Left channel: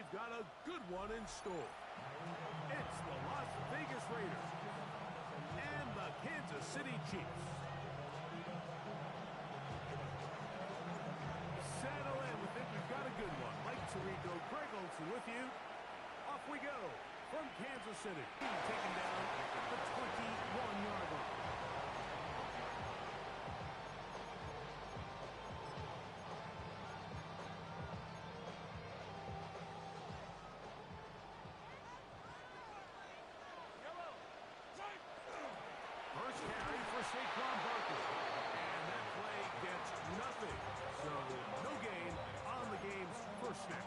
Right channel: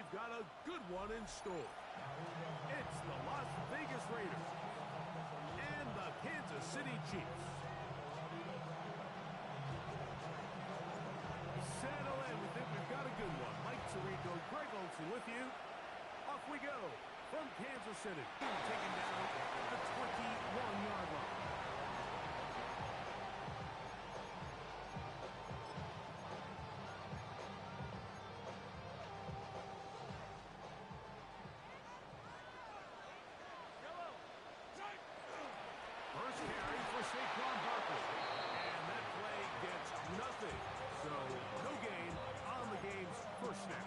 we've got a good one in store. It's the Las Vegas Raiders and the Kansas City Chiefs. Settle in. We think we've got a good one. Mike Tirico, Greg Olsen with you. Off we go from Kansas City. Taken down at the 21-yard line. First carry for Saquon Barkley. And that play gets nothing. So no gain on the game's first snap.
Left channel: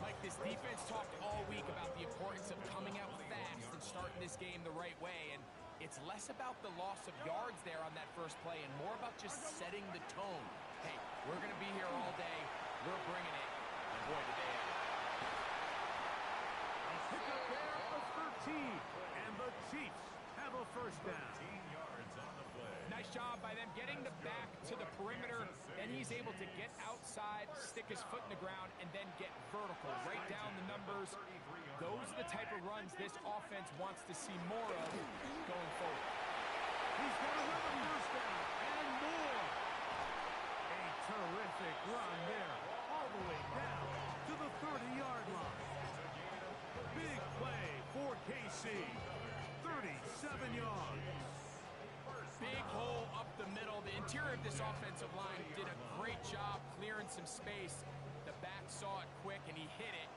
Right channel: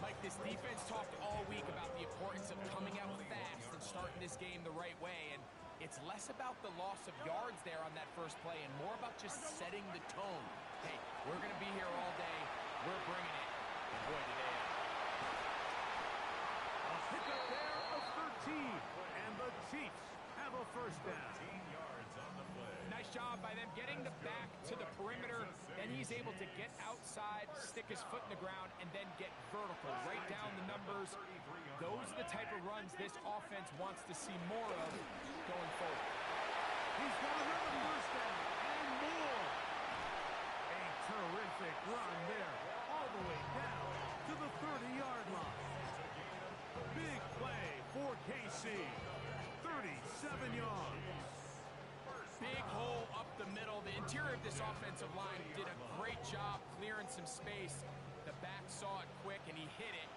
Mike, this defense talked all week about the importance of coming out fast and starting this game the right way. And it's less about the loss of yards there on that first play and more about just setting the tone. Hey, we're going to be here all day. We're bringing it. And boy, did they ever. A pickup there of 13. And the Chiefs have a first down. 13 yards on the play. Nice job by them getting the back to the perimeter. Then he's able to get outside, stick his foot in the ground, and then get vertical, right down the numbers. Those are the type of runs this offense wants to see more of going forward. He's got another first down and more. A terrific run there, all the way down to the 30-yard line. Big play for KC. 37 yards. Big hole up the middle. The interior of this offensive line did a great job clearing some space. The back saw it quick, and he hit it.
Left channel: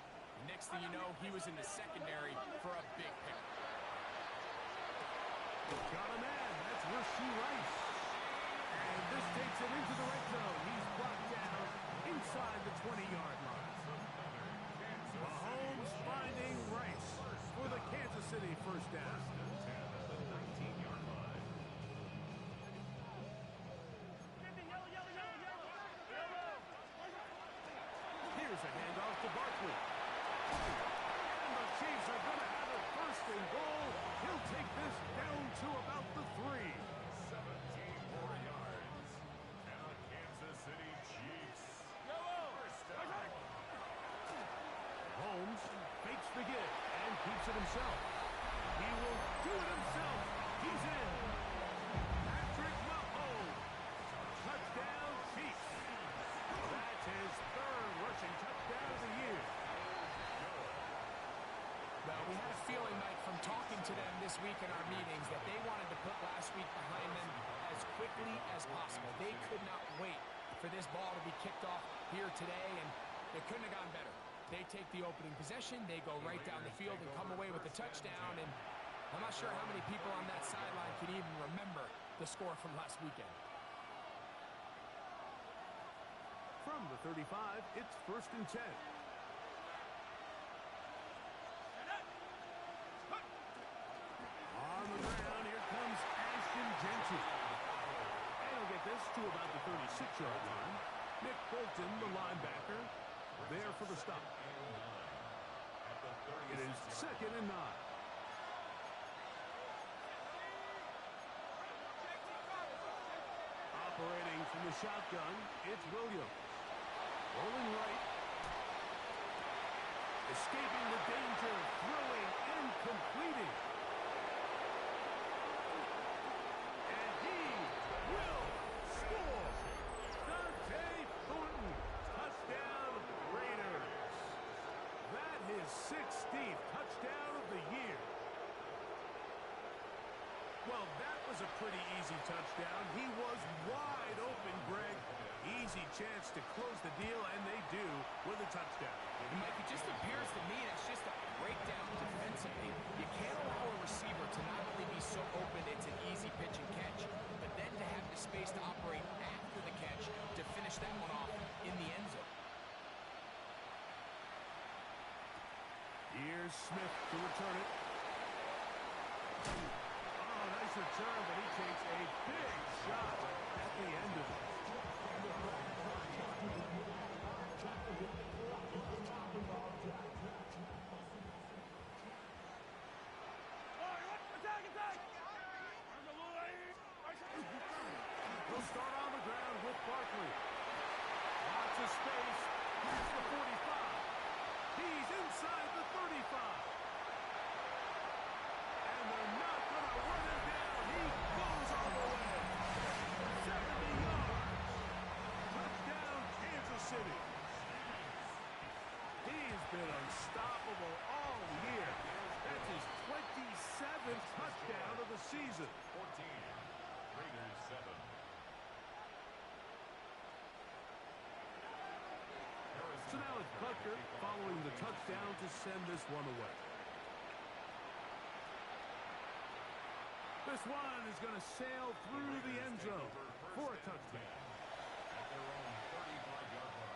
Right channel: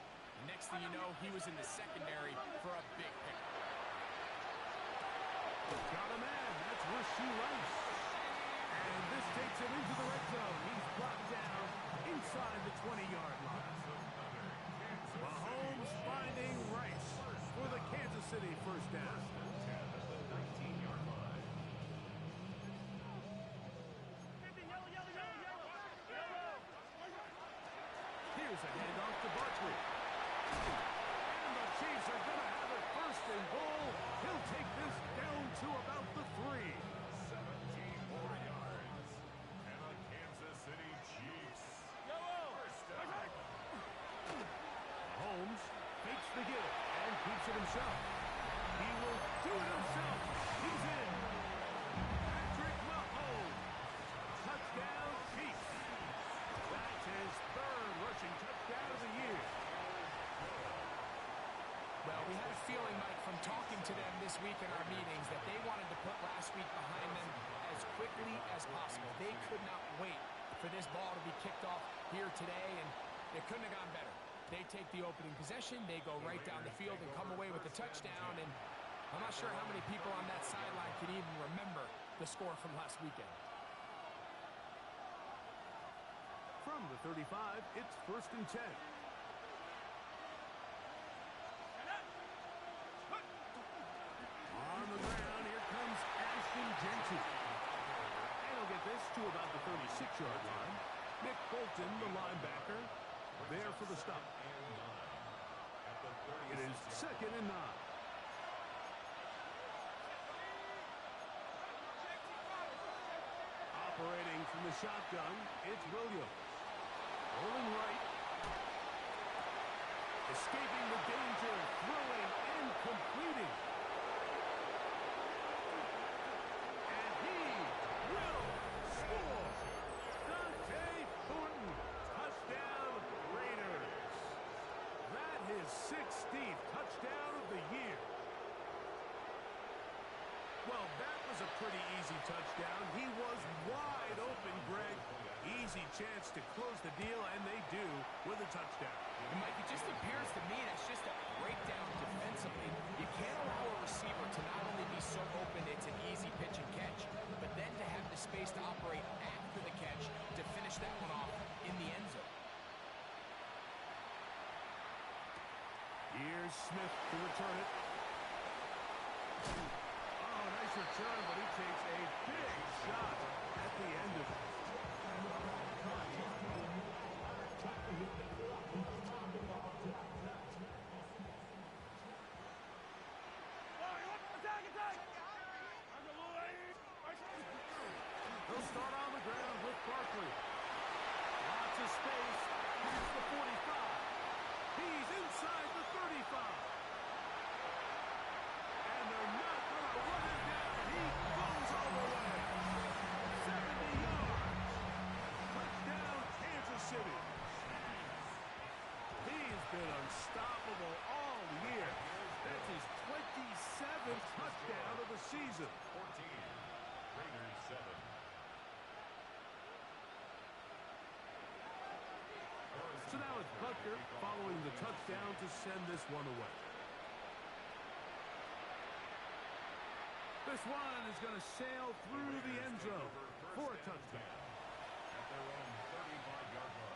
Next thing you know, he was in the secondary for a big pick. Got a man. That's Rashee Rice. And this takes him into the red zone. He's blocked down inside the 20-yard line. Mahomes finding Rice for the Kansas City first down. At the 19-yard line. Here's a handoff to Barkley. And the Chiefs are going to have it first and goal. He'll take this down to about the 3. 17 more yards. And the Kansas City Chiefs. First down. Holmes fakes the give and keeps it himself. He will do it himself. He's in. Patrick Mahomes. Touchdown, Chiefs. That's his third rushing touchdown of the year. Well, we had a feeling, Mike, from talking to them this week in our meetings that they wanted to put last week behind them as quickly as possible. They could not wait for this ball to be kicked off here today, and it couldn't have gone better. They take the opening possession, they go right down the field and come away with a touchdown, and I'm not sure how many people on that sideline can even remember the score from last weekend. From the 35, it's first and 10. On the ground, here comes Ashton Jeanty. And he'll get this to about the 36-yard line. Nick Bolton, the linebacker, there for the stop. It is second and 9. Operating from the shotgun, it's Williams. Rolling right. Escaping the danger, throwing and completing. And he will score. Dante Thornton, touchdown Raiders. That is 16th touchdown of the year. Well, that was a pretty easy touchdown. He was wide open, Greg. Easy chance to close the deal, and they do with a touchdown. And Mike, it just appears to me that's just a breakdown defensively. You can't allow a receiver to not only be so open it's an easy pitch and catch, but then to have the space to operate after the catch to finish that one off in the end zone. Here's Smith to return it. Oh, nice return, but he takes a big shot at the end of it. They'll start on the ground with Barkley. Lots of space. Here's the 45. unstoppable all year. That's his 27th touchdown of the season. 14. Raiders 7. So now it's Butker following the touchdown to send this one away. This one is going to sail through the end zone for a touchdown. At their own 35-yard line.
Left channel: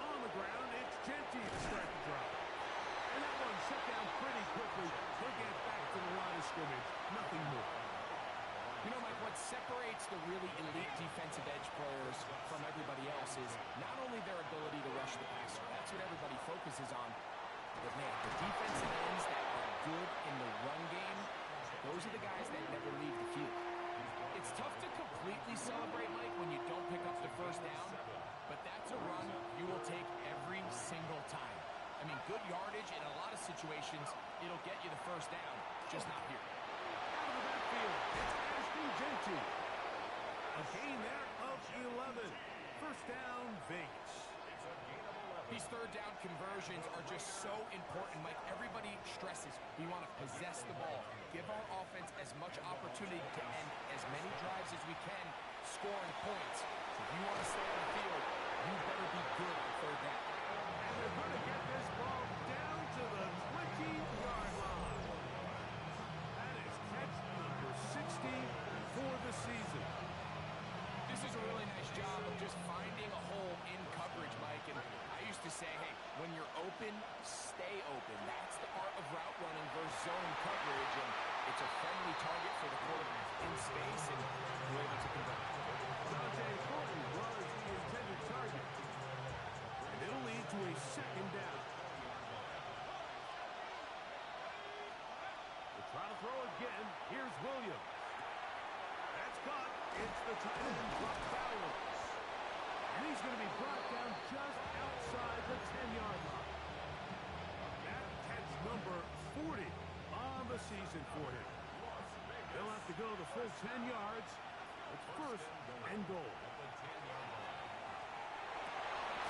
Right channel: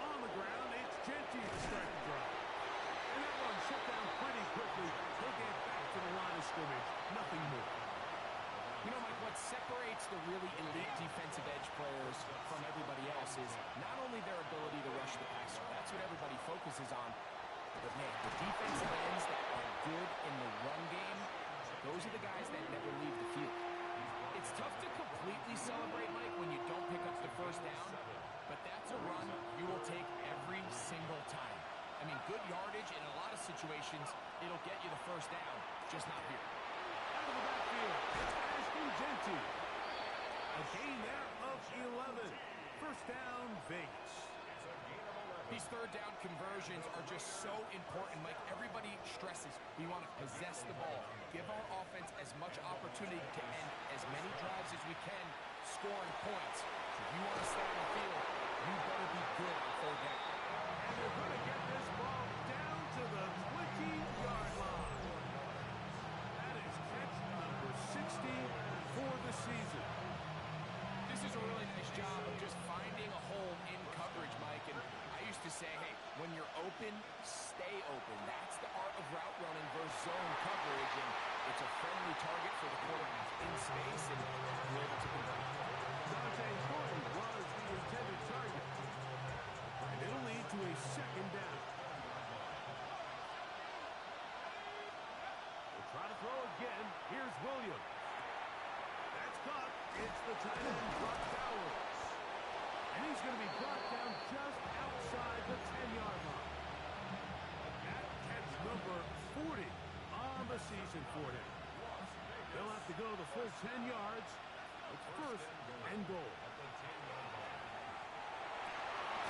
On the ground, it's Genty to start the drive. And that one shut down pretty quickly. He'll get back to the line of scrimmage. Nothing more. You know, Mike, what separates the really elite defensive edge players from everybody else is not only their ability to rush the passer. That's what everybody focuses on. But, man, the defensive ends that are good in the run game, those are the guys that never leave the field. It's tough to completely celebrate, Mike, when you don't pick up the first down, but that's a run you will take every single time. I mean, good yardage in a lot of situations, it'll get you the first down, just not here. Out of the backfield, it's Ashton Genty. A gain there of 11. First down, Vegas. These third down conversions are just so important, Mike. Everybody stresses we want to possess the ball, give our offense as much opportunity to end as many drives as we can, scoring points. So if you want to stay on the field, you better be good on third down. And they're going to get this ball down to the 20-yard line. That is catch number 60 for the season. This is a really nice job of just finding a hole in coverage, Mike. And I used to say, hey, when you're open, stay open. That's the art of route running versus zone coverage. And it's a friendly target for the quarterback in space, and we're able to convert. Dante Thornton was the intended target. And it'll lead to a second down. We'll try to throw again. Here's Williams. That's caught. It's the tight end, Brock Bowers. And he's going to be brought down just outside the 10-yard line. That catch number 40 on the season for him. They'll have to go the full 10 yards. It's first and goal.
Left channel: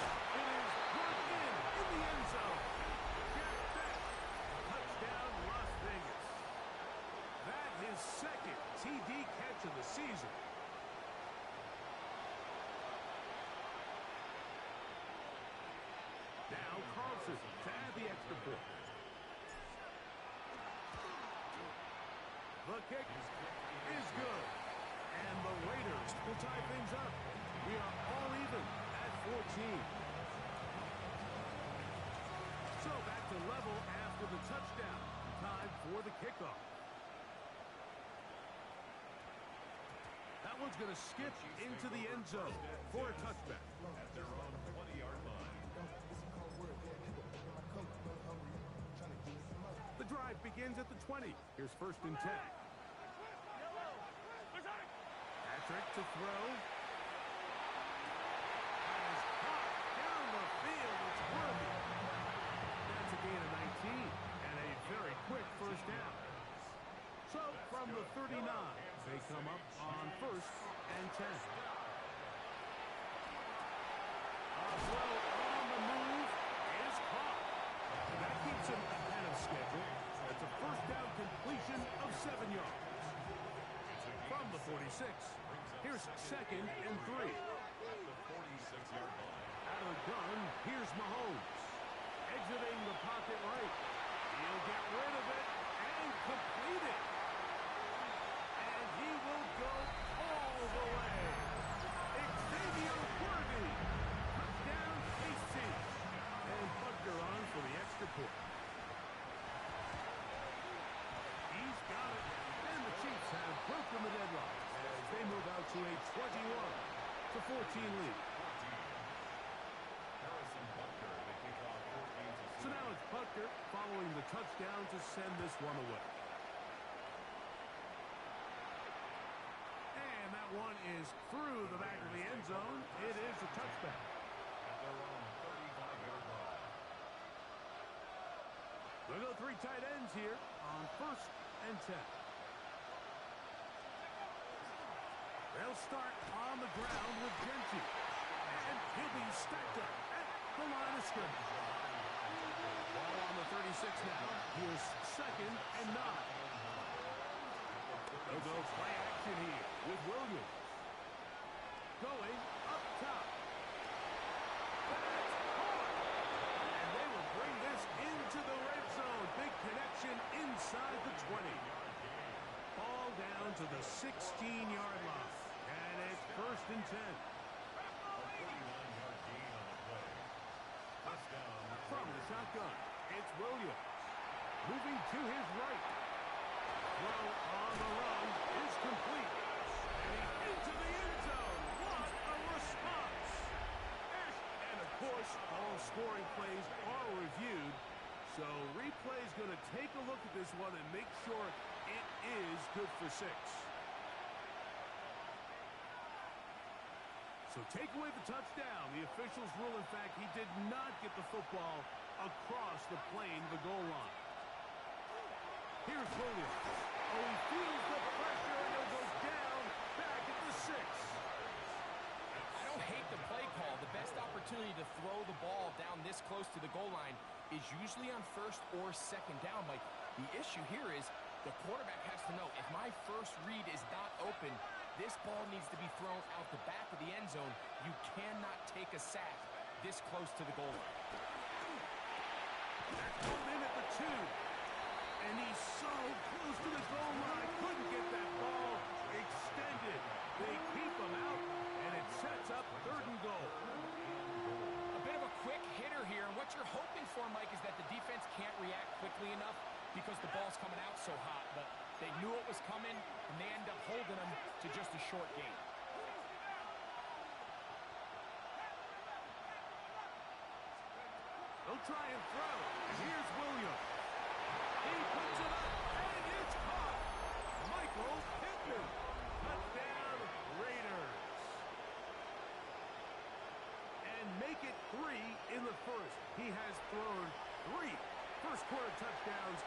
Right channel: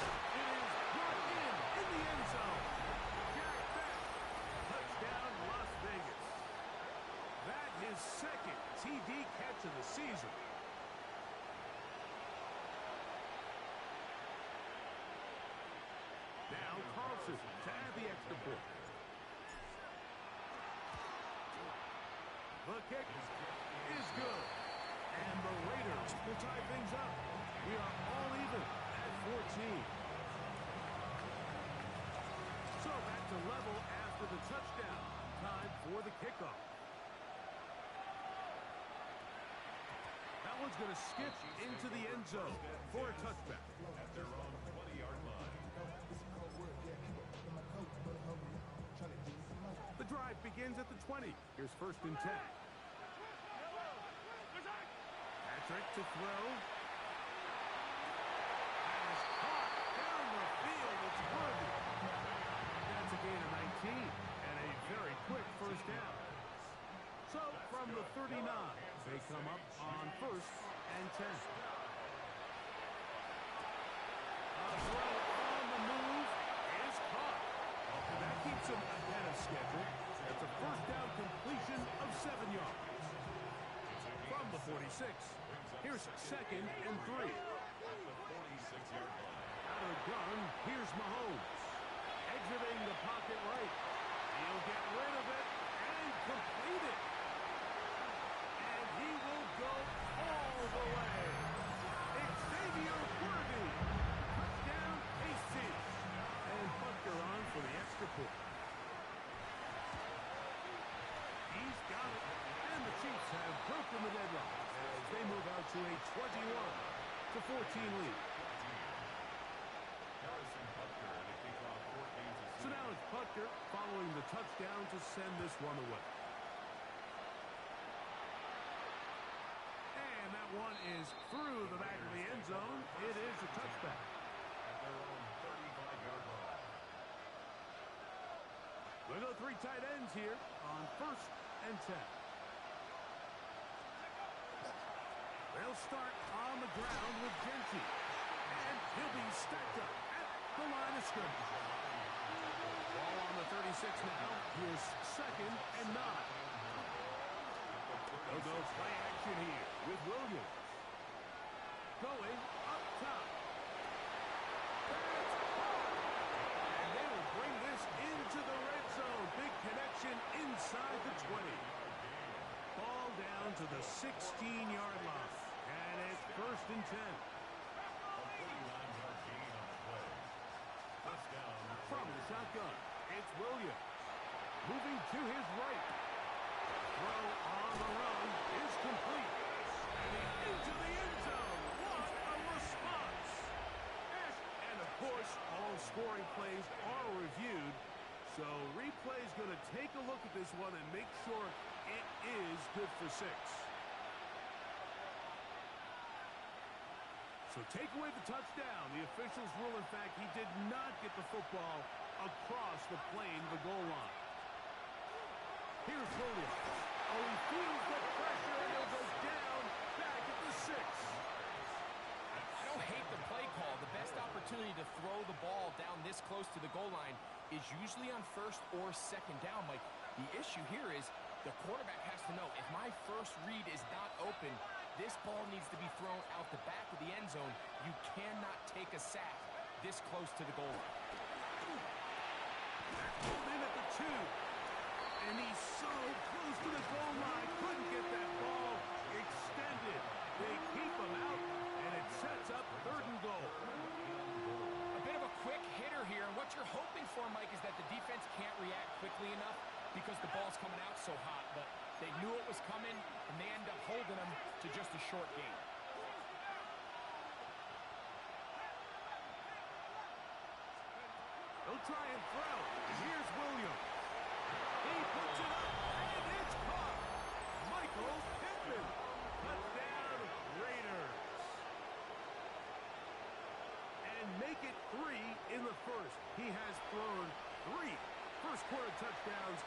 It is brought in the end zone. Jack Beck. Touchdown, Las Vegas. That his second TD catch of the season. Now Carlson to add the extra point. The kick is good. And the Raiders will tie things up. We are all even at 14. So back to level after the touchdown. Time for the kickoff. That one's going to skip into the end zone for a touchback. At their own 20-yard line. The drive begins at the 20. Here's first and 10. Patrick to throw. That is hot down the field. It's Worthy. That's a gain of 19 and a very quick first down. So from the 39, they come up on first and 10. A throw on the move is caught. That keeps him ahead of schedule. That's a first down completion of 7 yards. From the 46, here's second and 3. At the 46-yard line. Out of the gun, here's Mahomes. Exiting the pocket right. He'll get rid of it and complete it. And he will go all the way. Xavier Worthy. Touchdown, KC. And Butker on for the extra point. He's got it. And the Chiefs have broken the deadlock as they move out to a 21-14 lead. Harrison Butker to kick off 4 games of So now it's Butker following the touchdown to send this one away. And that one is through the back of the end zone. It is a touchback. At their own 35-yard line. We'll go three tight ends here on 1st and 10. They'll start on the ground with Genty. And he'll be stacked up at the line of scrimmage. Ball on the 36 now. Here's 2nd and 9. They'll go play action here with Williams. Going up top. That's hard. And they will bring this into the red zone. Big connection inside the 20. Ball down to the 16-yard line. And it's 1st and 10. A 49-yard gain on the play. Touchdown. From the shotgun, it's Williams. Moving to his right. Throw on the run is complete. And he's into the end zone. What a response. And of course, all scoring plays are reviewed. So replay's going to take a look at this one and make sure it is good for 6. So take away the touchdown. The officials rule, in fact, he did not get the football across the plane, the goal line. Here's Williams. Oh, he feels the pressure, and he'll go down back at the 6. I don't hate the play call. The best opportunity to throw the ball down this close to the goal line is usually on 1st or 2nd down, Mike. The issue here is the quarterback has to know, if my first read is not open, this ball needs to be thrown out the back of the end zone. You cannot take a sack this close to the goal line. That's pulled in at the 2. And he's so close to the goal line. Couldn't get that ball extended. They keep him out, and it sets up 3rd and goal. A bit of a quick hitter here, and what you're hoping for, Mike, is that the defense can't react quickly enough because the ball's coming out so hot. But they knew it was coming, and they end up holding them to just a short gain. They'll try and throw. And here's Williams. He puts it up, and it's caught. Michael Pittman. Touchdown, Raiders. And make it 3 in the 1st. He has thrown 3 first-quarter touchdowns.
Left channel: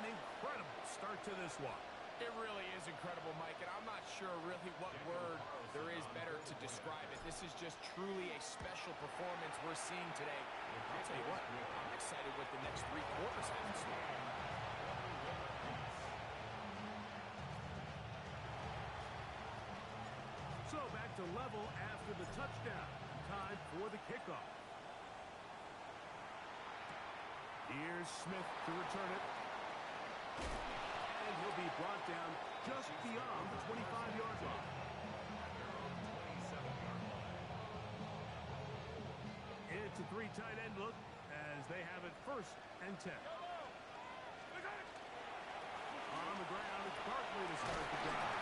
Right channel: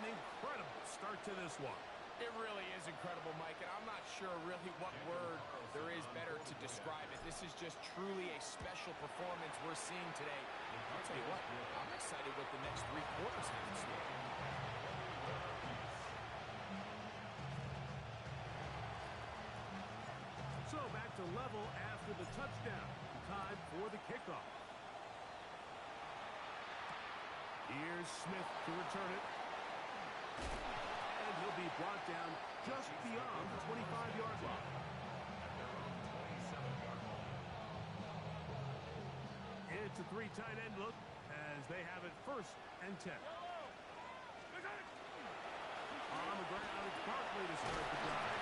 An incredible start to this one. It really is incredible, Mike, and I'm not sure really what word there is better to describe it. This is just truly a special performance we're seeing today. I'll tell you what, I'm excited what the next 3 quarters have in store. So back to level after the touchdown. Time for the kickoff. Here's Smith to return it. And he'll be brought down just beyond the 25-yard line. At their own 27-yard line. It's a 3 tight end look as they have it 1st and 10. On the ground, it's Barkley to start the drive.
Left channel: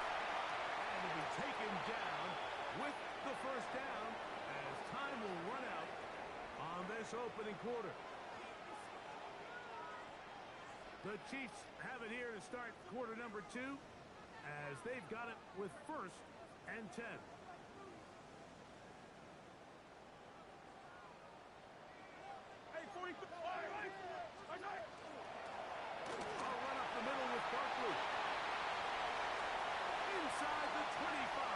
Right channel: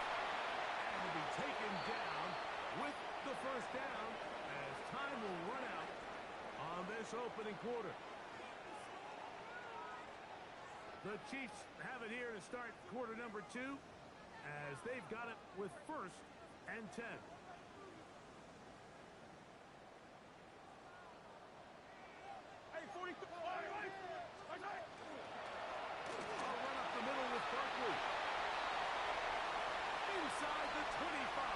And he'll be taken down with the 1st down as time will run out on this opening quarter. The Chiefs have it here to start quarter number 2 as they've got it with 1st and 10. I'll run up the middle with Barkley. Inside the 25.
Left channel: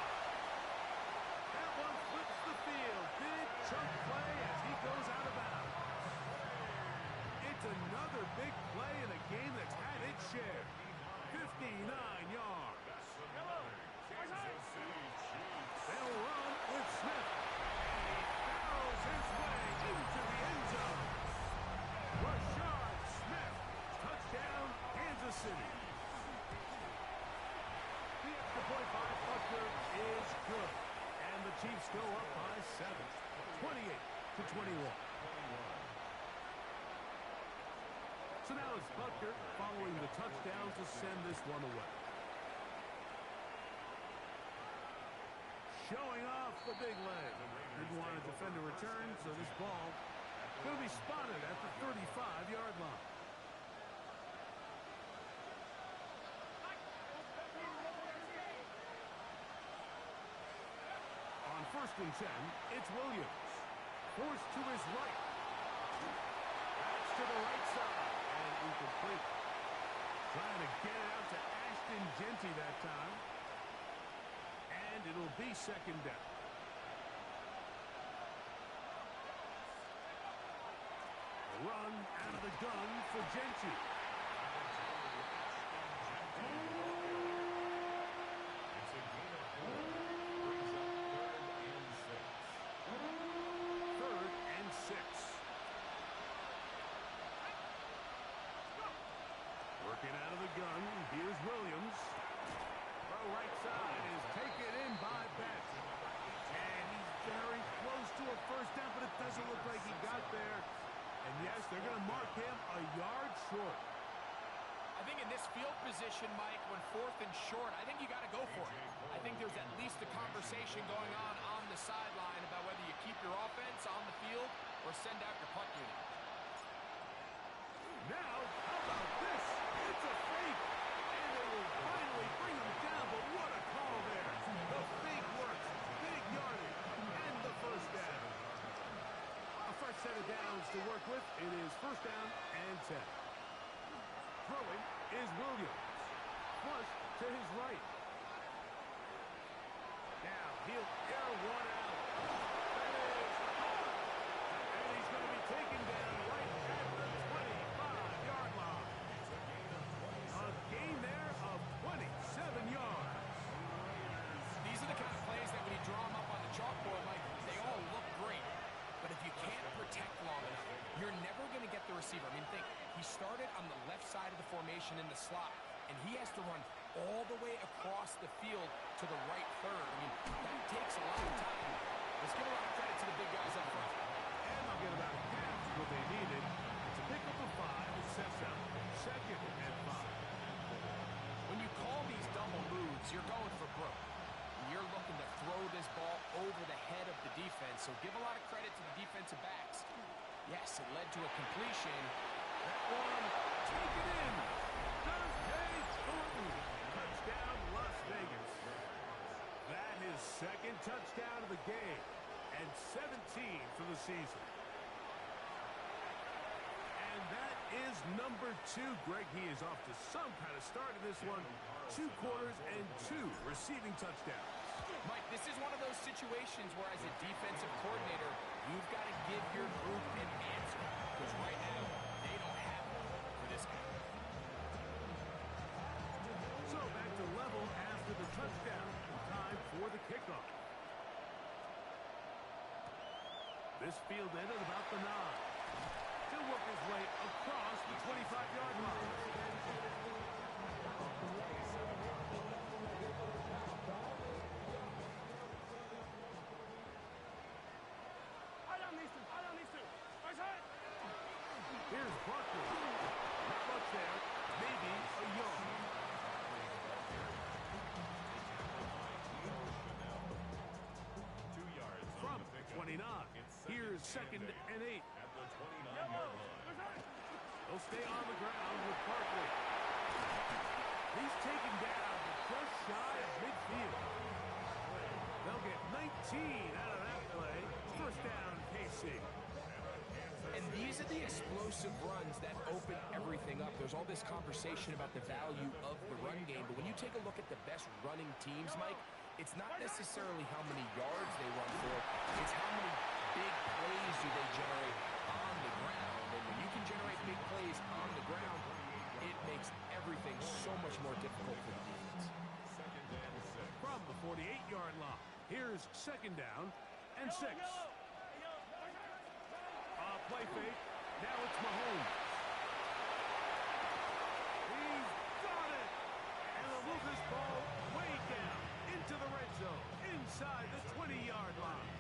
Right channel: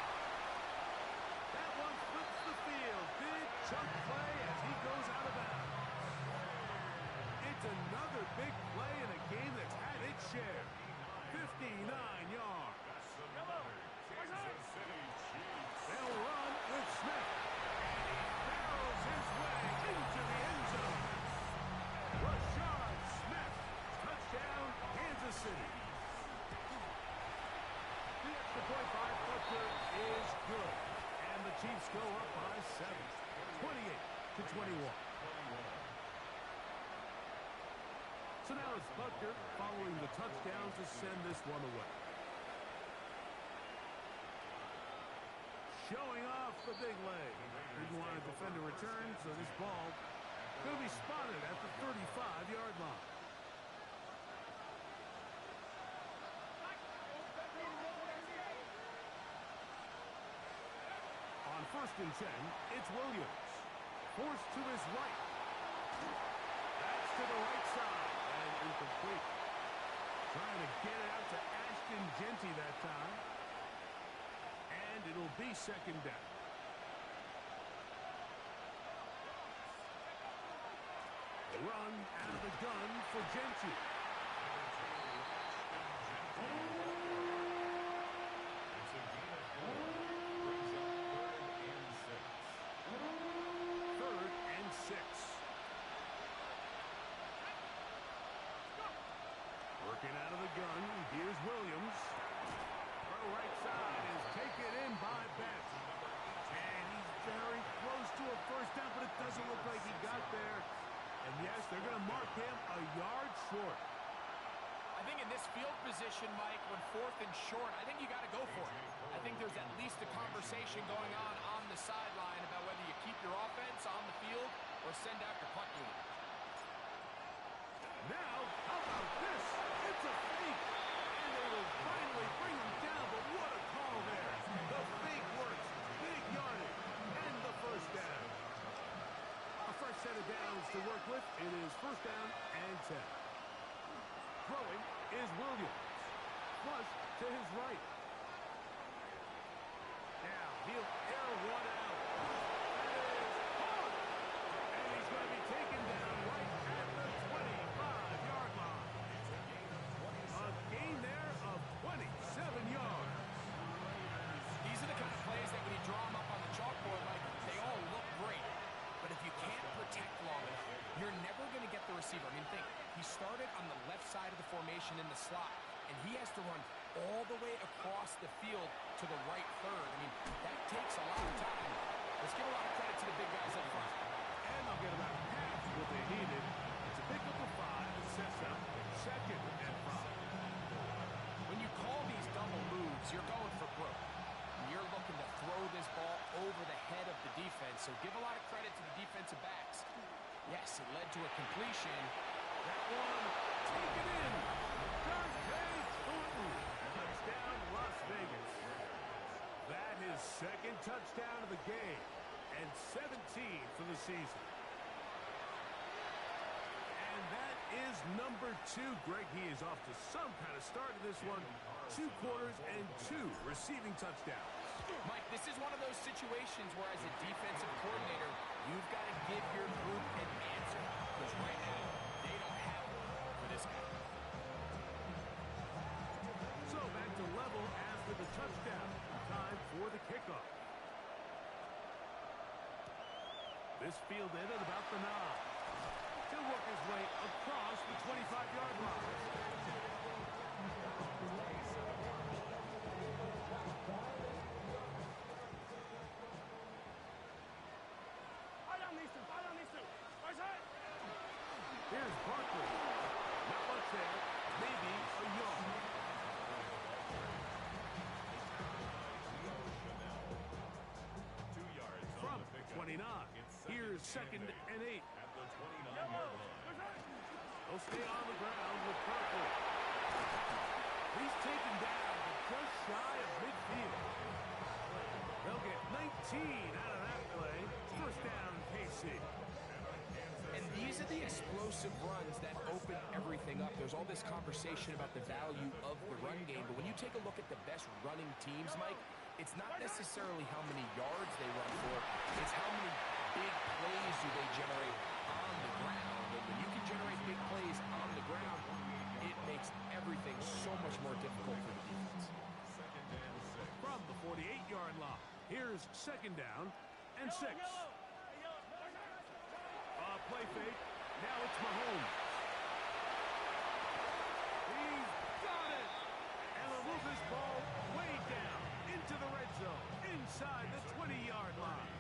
That one flips the field. Big chunk play as he goes out of bounds. It's another big play in a game that's had its share. 59 yards. That's another Kansas City Chiefs. They'll run with Smith. And he barrels his way into the end zone. Rashard Smith. Touchdown, Kansas City. The extra point by Butker is good. And the Chiefs go up by 7. 28-21. So now it's Butker following the touchdown to send this one away. Showing off the big leg. Didn't want to defend a return, so this ball going to be spotted at the 35-yard line. first and 10, it's Williams. Forced to his right. That's to the right side, and incomplete. Trying to get it out to Ashton Jeanty that time. And it'll be second down. A run out of the gun for Jeanty. It's a gain of 4. Brings up 3rd and 6. Working out of the gun. Here's Williams. Throw right side is taken in by Betts. And he's very close to a first down, but it doesn't look like he got there. And yes, they're going to mark him a yard short. I think in this field position, Mike, when 4th and short, I think you got to go for it. I think there's at least a conversation going on the sideline about whether you keep your offense on the field or send out your punt unit. Now, how about this? It's a fake. And they will finally bring him down, but what a call there. The fake works. Big yardage. And the first down. A fresh set of downs to work with. It is first down and 10. Throwing is Williams. Flush to his right. Now he'll air one out. That is hard. And he's going to be taken down right at the 25-yard line. A gain there of 27 yards. These are the kind of plays that when you draw them up on the chalkboard, like, they all look great. But if you can't protect long enough, you're never going to get the receiver. I mean, think, he started on the left side of the formation in the slot, and he has to run all the way across the field to the right third. I mean, that takes a lot of time. Let's give a lot of credit to the big guys up front. And they'll get about half of what they needed. It's a pickup of 5. It sets up second and 5. When you call these double moves, you're going for broke. You're looking to throw this ball over the head of the defense, so give a lot of credit to the defensive backs. Yes, it led to a completion. That one taken in. Dante Thornton. Touchdown, Las Vegas. That is second touchdown of the game and 17 for the season. And that is number 2. Greg, he is off to some kind of start in this one. 2 quarters and 2 receiving touchdowns. Mike, this is one of those situations where as a defensive coordinator, you've got to give your group an answer. Because right now, they don't have one for this guy. So back to level after the touchdown. Time for the kickoff. This fielded at about the 9. He'll work his way across the 25-yard line. Here's Barkley. Not much there. Maybe a yard. From 29. Here's second and 8. At the 29-yard line. They'll stay on the ground with Barkley. He's taken down to just shy of midfield. They'll get 19 out of that play. First down, KC. And these are the explosive runs that open everything up. There's all this conversation about the value of the run game, but when you take a look at the best running teams, Mike, it's not necessarily how many yards they run for, it's how many big plays do they generate on the ground. And when you can generate big plays on the ground, it makes everything so much more difficult for the defense. Second and 6. From the 48-yard line, here's second down and 6. Play fake. Now it's Mahomes. He's got it. And they'll move this ball way down into the red zone, inside the 20-yard line.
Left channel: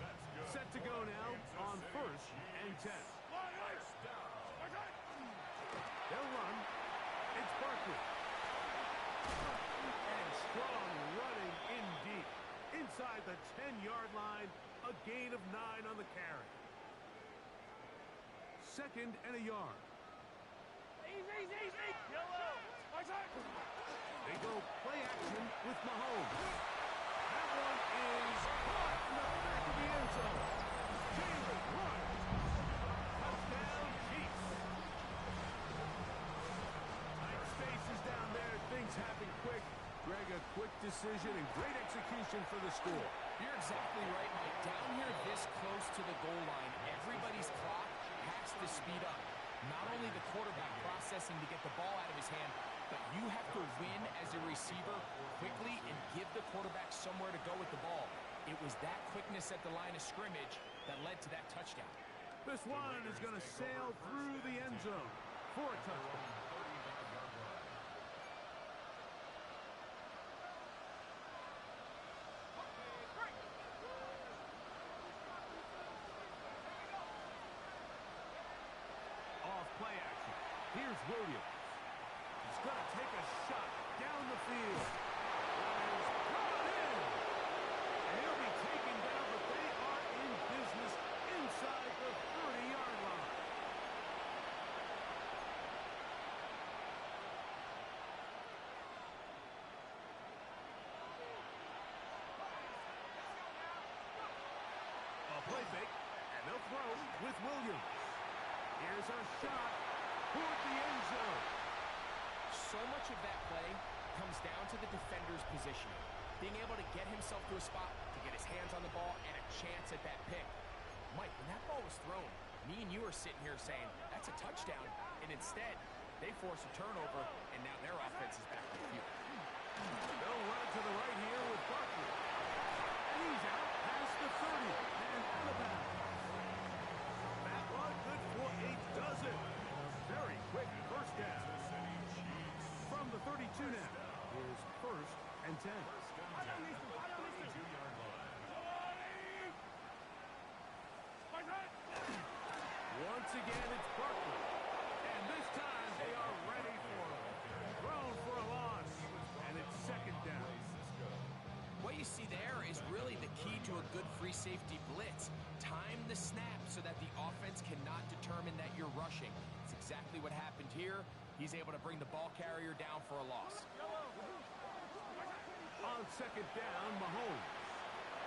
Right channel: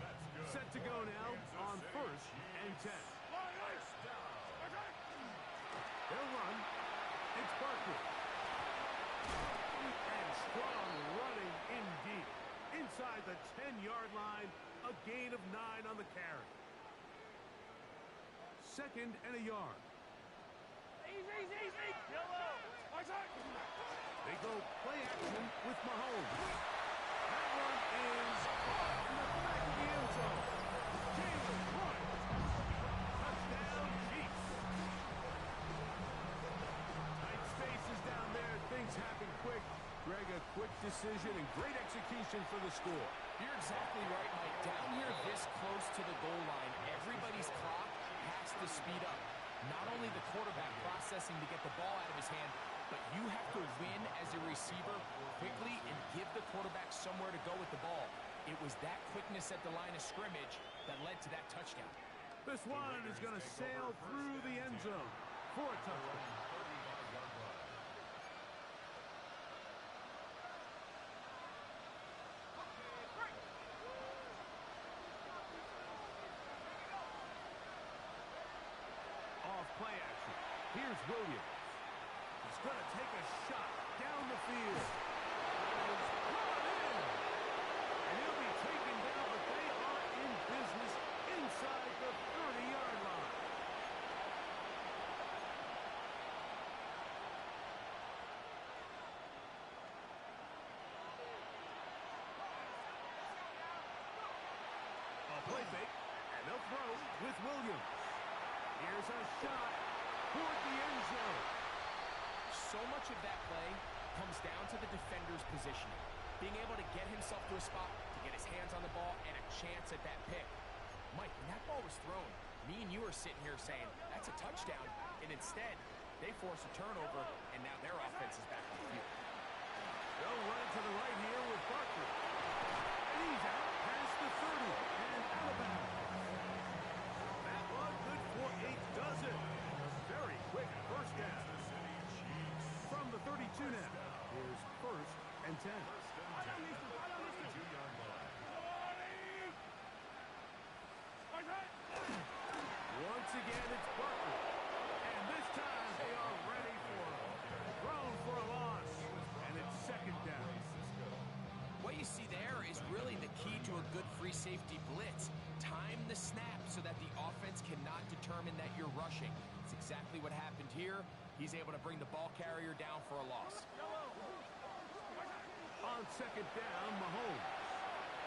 That's good. Set to go now on first and 10. They'll run. It's Barkley. And strong running in deep. Inside the 10-yard line, a gain of 9 on the carry. Second and a yard. They go play action with Mahomes. That one is decision and great execution for the score. You're exactly right, Mike. Down here this close to the goal line, everybody's clock has to speed up. Not only the quarterback processing to get the ball out of his hand, but you have to win as a receiver quickly and give the quarterback somewhere to go with the ball. It was that quickness at the line of scrimmage that led to that touchdown. This one is going to sail through the end zone for a touchdown. 35-yard line. Off play action. Here's Williams. He's going to take a shot down the field. That is brought in. And he'll be taken down, but they are in business inside the 30-yard line. A play fake, and they'll throw with Williams. Here's a shot toward the end zone. So much of that play comes down to the defender's positioning. Being able to get himself to a spot, to get his hands on the ball, and a chance at that pick. Mike, when that ball was thrown, me and you are sitting here saying, that's a touchdown. And instead, they force a turnover, and now their offense is back on the field. They'll run it to the right here with Barkley. And he's out past the 30 and out of bounds. That one good for 8 dozen. A very quick first down. From the 32 now, here's first and 10. First and 10 at the 32-yard line. Once again, it's Barkley. And this time they are ready for him. Thrown for a loss. And it's second down. What you see there is really the key to a good free safety blitz. Time the snap so that the offense cannot determine that you're rushing. It's exactly what happened here. He's able to bring the ball carrier down for a loss. On second down, Mahomes.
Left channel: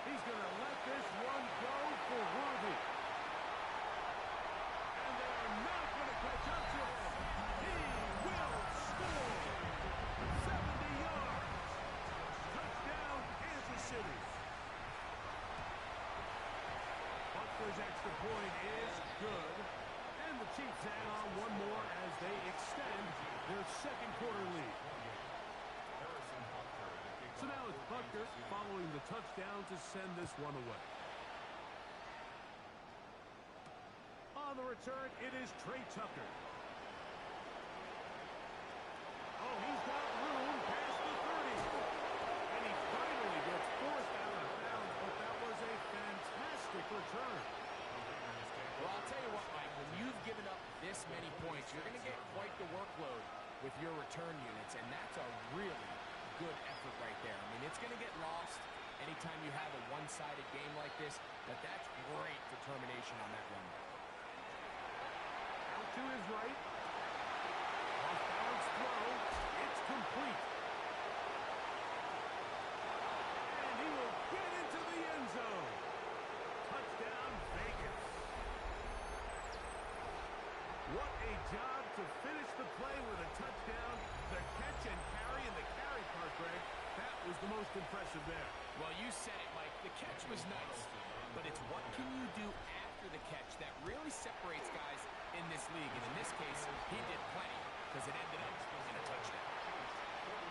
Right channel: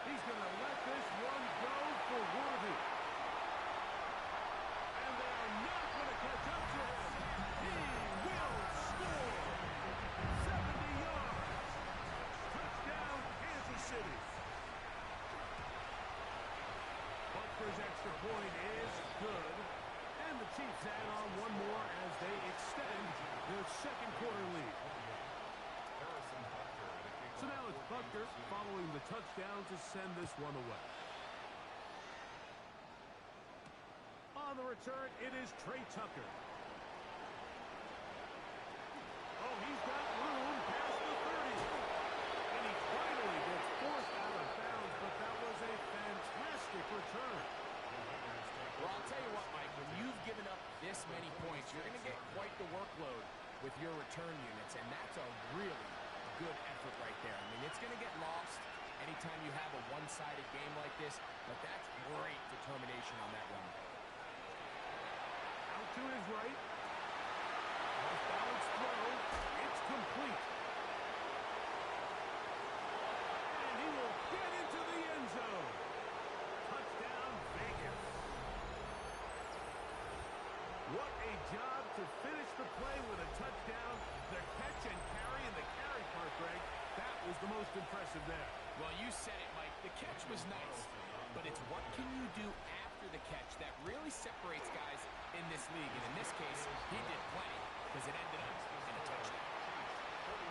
He's going to let this one go for Worthy. And they are not going to catch up to him. He will score. 70 yards. Touchdown, Kansas City. Butker's extra point is good. And the Chiefs add on one more as they extend their second quarter lead. So now it's Butker following the touchdown to send this one away. On the return, it is Trey Tucker. Oh, he's got room past the 30. And he finally gets forced out of bounds, but that was a fantastic return. Well, I'll tell you what, Mike, when you've given up this many points, you're going to get quite the workload with your return units, and that's a really good effort right there. I mean, it's going to get lost anytime you have a one-sided game like this, but that's great determination on that run. Out to his right. Off-balance throw. It's complete. And he will get into the end zone. Touchdown, Vegas. What a job to finish the play with a touchdown. The catch and carry, and the carry part, Greg, that was the most impressive there. Well, you said it, Mike. The catch was nice, but it's what can you do after the catch that really separates guys in this league. And in this case, he did plenty because it ended up in a touchdown. 42,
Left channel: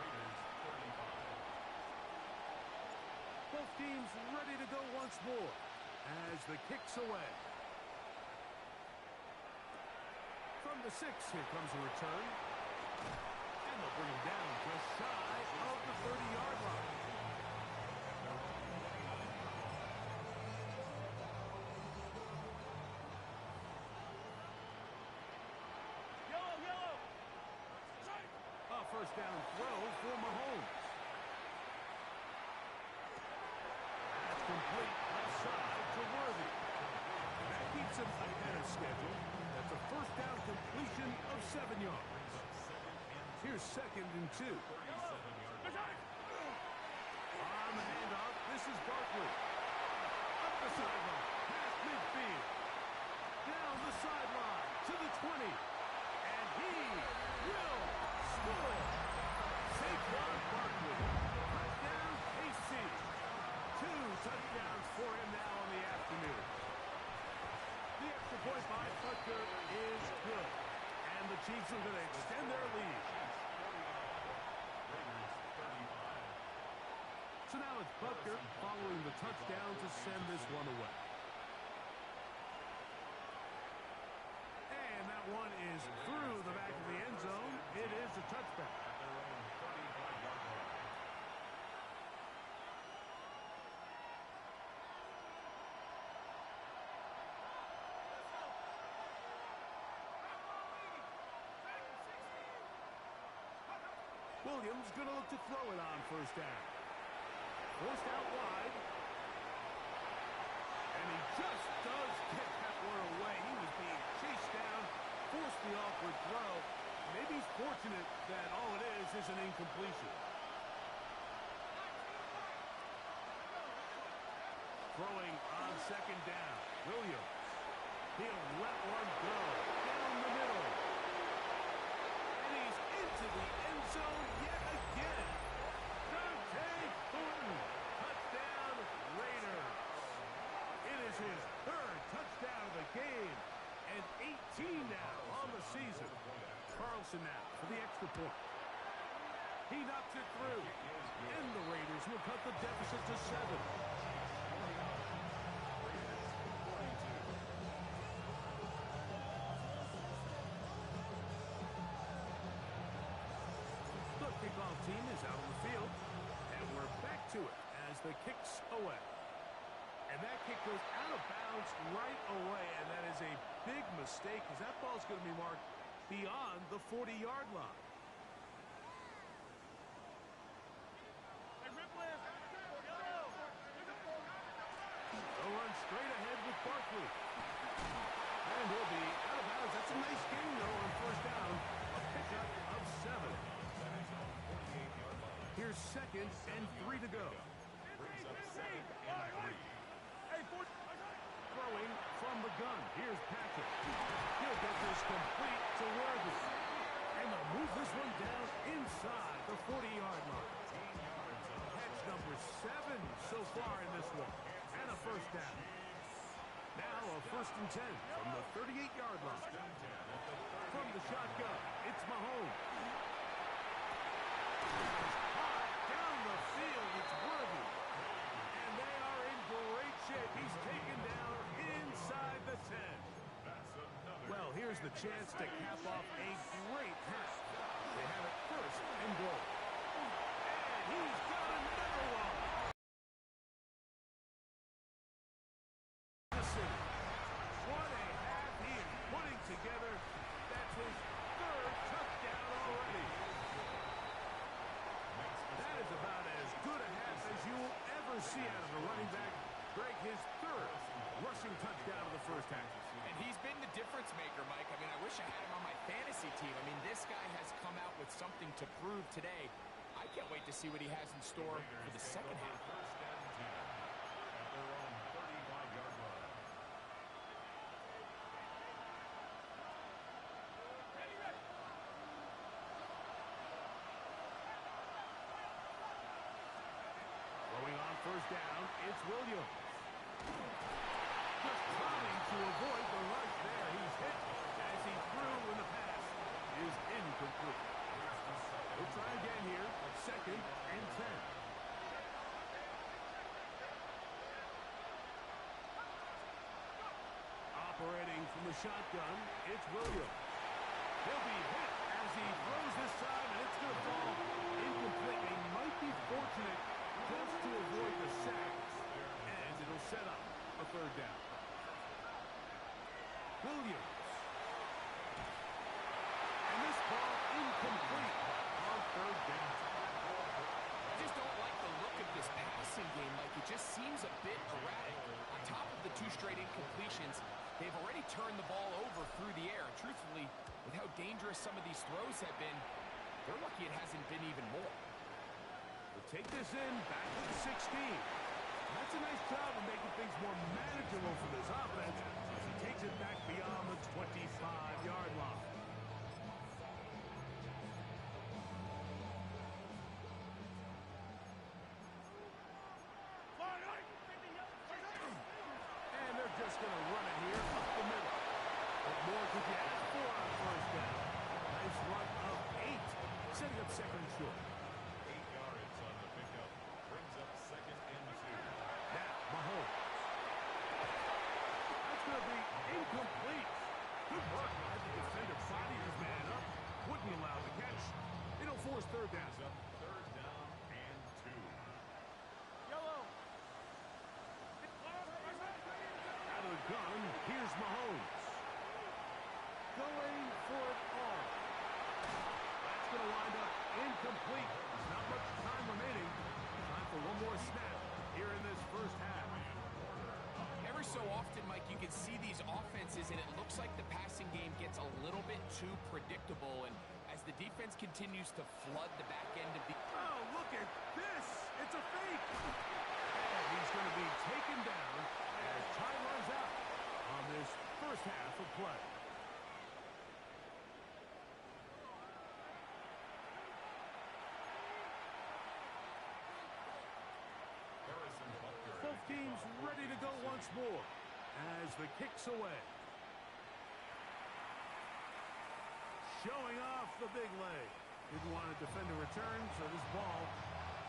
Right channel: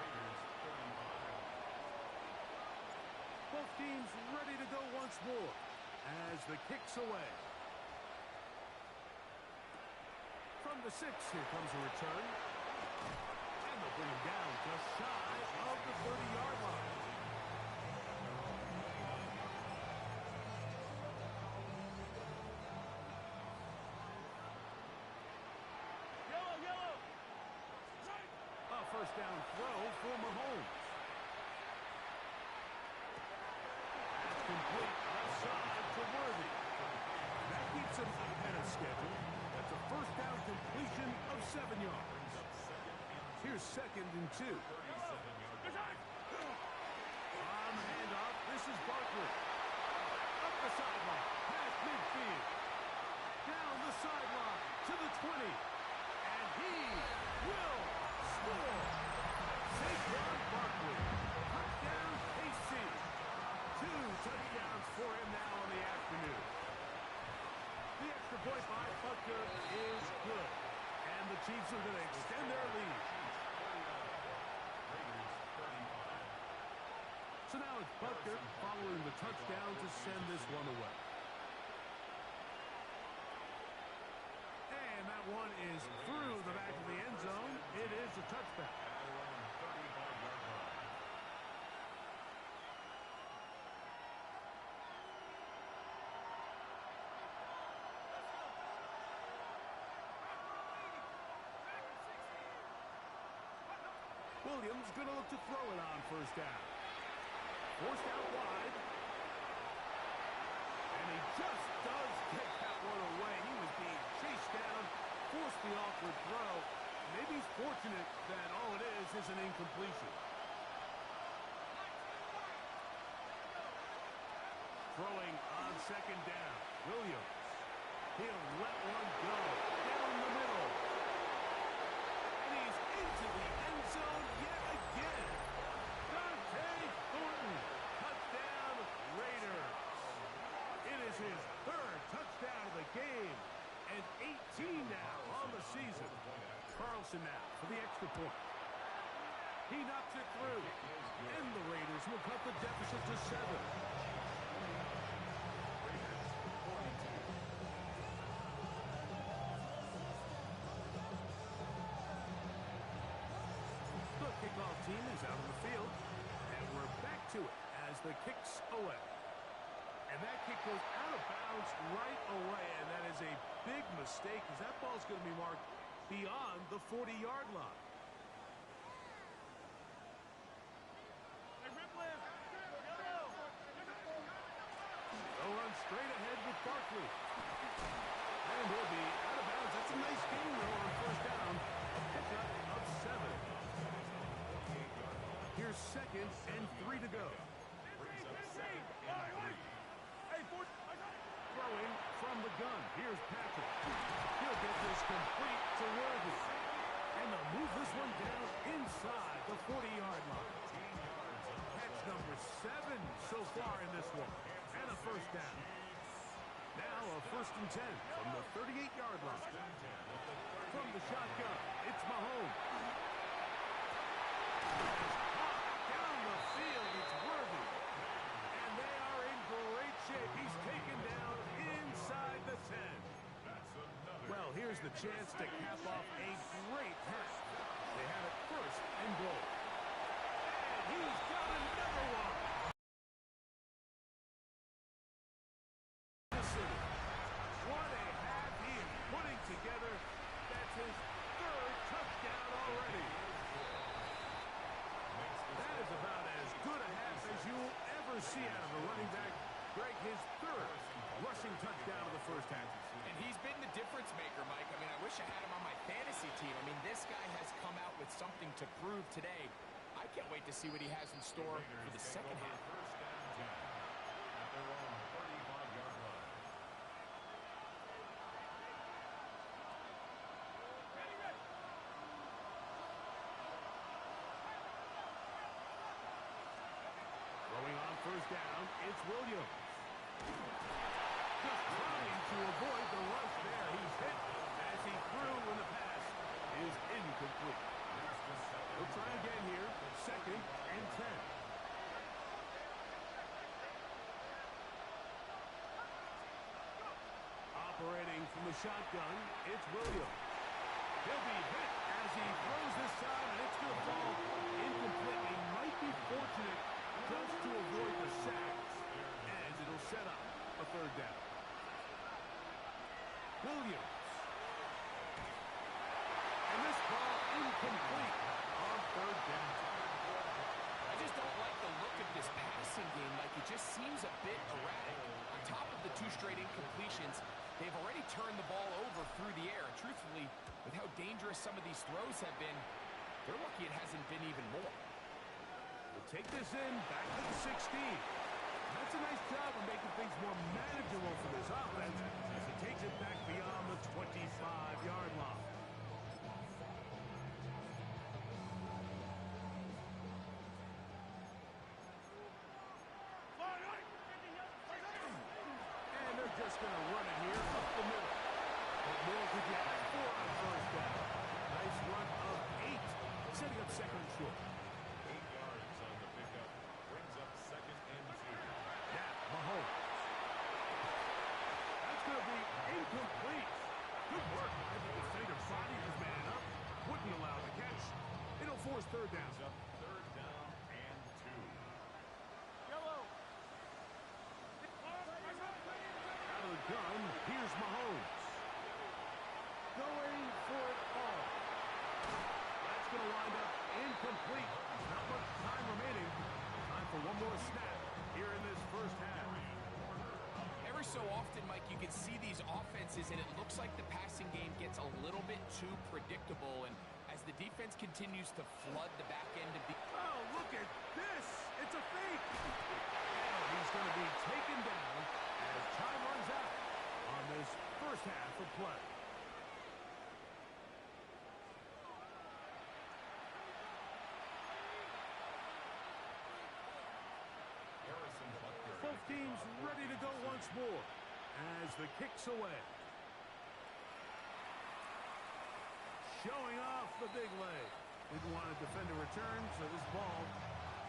Raiders 35. Both teams ready to go once more as the kick's away. From the 6, here comes a return. And they'll bring him down just shy of the 30-yard line. A first down throw for Mahomes. That's complete left side to Worthy. That keeps him ahead of schedule. That's a first down completion of 7 yards. Here's second and 2. On the handoff, this is Barkley. Up the sideline, past midfield. Down the sideline to the 20. And he will score. Saquon Barkley. Touchdown, KC. 2 touchdowns for him now on the afternoon. The extra point by Butker is good. And the Chiefs are going to extend their lead. So now it's Butker following the touchdown to send this one away. And that one is through the back of the end zone. It is a touchback. At their own 35-yard line. Williams going to look to throw it on first down. Forced out wide. And he just does get that one away. He was being chased down, forced the awkward throw. Maybe he's fortunate that all it is an incompletion. Throwing on second down. Williams. He'll let one go down the middle. And he's into the end zone yet again. Dante Thornton. Touchdown, Raiders. It is his third touchdown of the game. And 18 now on the season. Carlson now for the extra point. He knocks it through. And the Raiders will cut the deficit to 7. The kickoff team is out on the field. And we're back to it as the kick's away. And that kick goes out of bounds right away. And that is a big mistake because that ball's going to be marked beyond the 40-yard line. They'll run straight ahead with Barkley. And he'll be out of bounds. That's a nice gain, though, on first down. A pickup of 7. Here's 2nd and 3 to go. Brings up 7 and 3. Throwing from the gun. Here's Patrick. He'll get this complete to Worthy. And they'll move this one down inside the 40-yard line. Catch number 7 so far in this one. And a first down. Now a 1st and 10 from the 38-yard line. From the shotgun, it's Mahomes. It's hot down the field. It's Worthy. And they are in great shape. He's taken down inside the 10. Well, here's the chance to cap off a great half. They have it 1st and goal. And he's got another one. The city. What a half he is putting together. That's his 3rd touchdown already. That is about as good a half as you will ever see out of a running back. Greg, his 3rd rushing touchdown of the first half. And he's been the difference maker, Mike. I mean, I wish I had him on my fantasy team. I mean, this guy has come out with something to prove today. I can't wait to see what he has in store for the second half. 1st and 10 at their own 35-yard line. Throwing on first down, it's Williams. Just trying to avoid the rush there. He's hit as he threw when the pass is incomplete. We'll try again here. 2nd and 10. Operating from the shotgun, it's Williams. He'll be hit as he throws this time, and it's going to fall incomplete. He might be fortunate just to avoid the sack, and it'll set up a 3rd down. Williams. And this ball incomplete on 3rd down. I just don't like the look of this passing game. Like, it just seems a bit erratic. On top of the 2 straight incompletions, they've already turned the ball over through the air. Truthfully, with how dangerous some of these throws have been, they're lucky it hasn't been even more. We'll take this in back to the 16. That's a nice job of making things more manageable for this offense as he takes it back beyond the 25-yard line. just going to run it here up the middle. What more could you ask for on first down? Nice run of 8, setting up second and short. 8 yards on the pickup. Brings up second and 2. Now, Mahomes. That's going to be incomplete. Good work by the defender. Body his man up. Wouldn't allow the catch. It'll force third down. Brings up third down and 2. Out of the gun, here's Mahomes. Going for it all. That's going to wind up incomplete. There's not much time remaining. Time for one more snap here in this first half. Every so often, Mike, you can see these offenses, and it looks like the passing game gets a little bit too predictable. And as the defense continues to flood the back end of the... Oh, look at this. It's a fake. And he's going to be taken down as time runs out on this first half of play. Both teams ready to go once more as the kick's away. Showing off the big leg. Didn't want to defend a return, so this ball is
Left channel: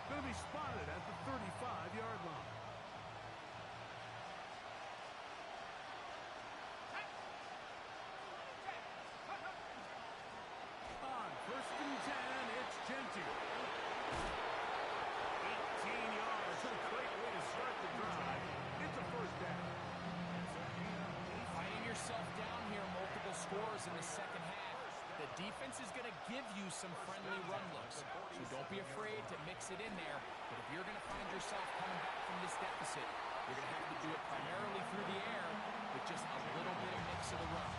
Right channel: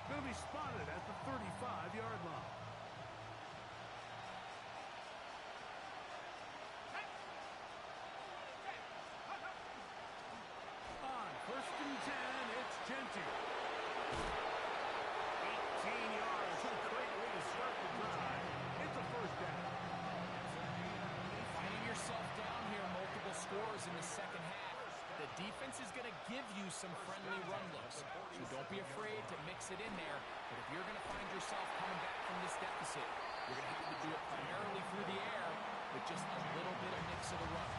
going to be spotted at the 35-yard line. On first and 10, it's Genty. 18 yards. A great way to start the drive. It's a first down. Finding yourself down here, multiple scores in the second half. The defense is going to give you some friendly run looks, so don't be afraid to mix it in there. But if you're going to find yourself coming back from this deficit, you're going to have to do it primarily through the air with just a little bit of mix of the run.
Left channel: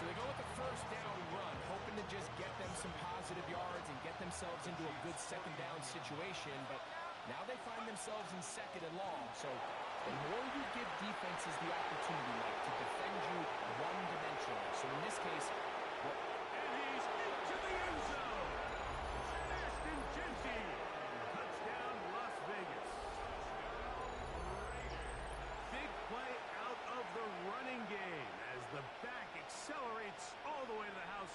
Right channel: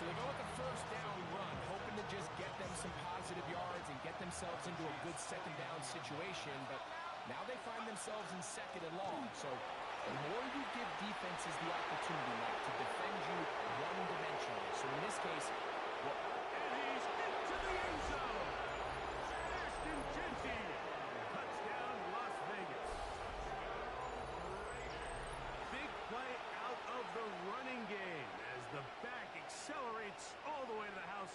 So they go with the first down run, hoping to just get them some positive yards and get themselves into a good second down situation. But now they find themselves in second and long. So the more you give defenses the opportunity, Mike, to defend you one-dimensionally. So in this case, And he's into the end zone. Ashton Genty. Touchdown, Las Vegas. Big play out of the running game as the back accelerates all the way to the house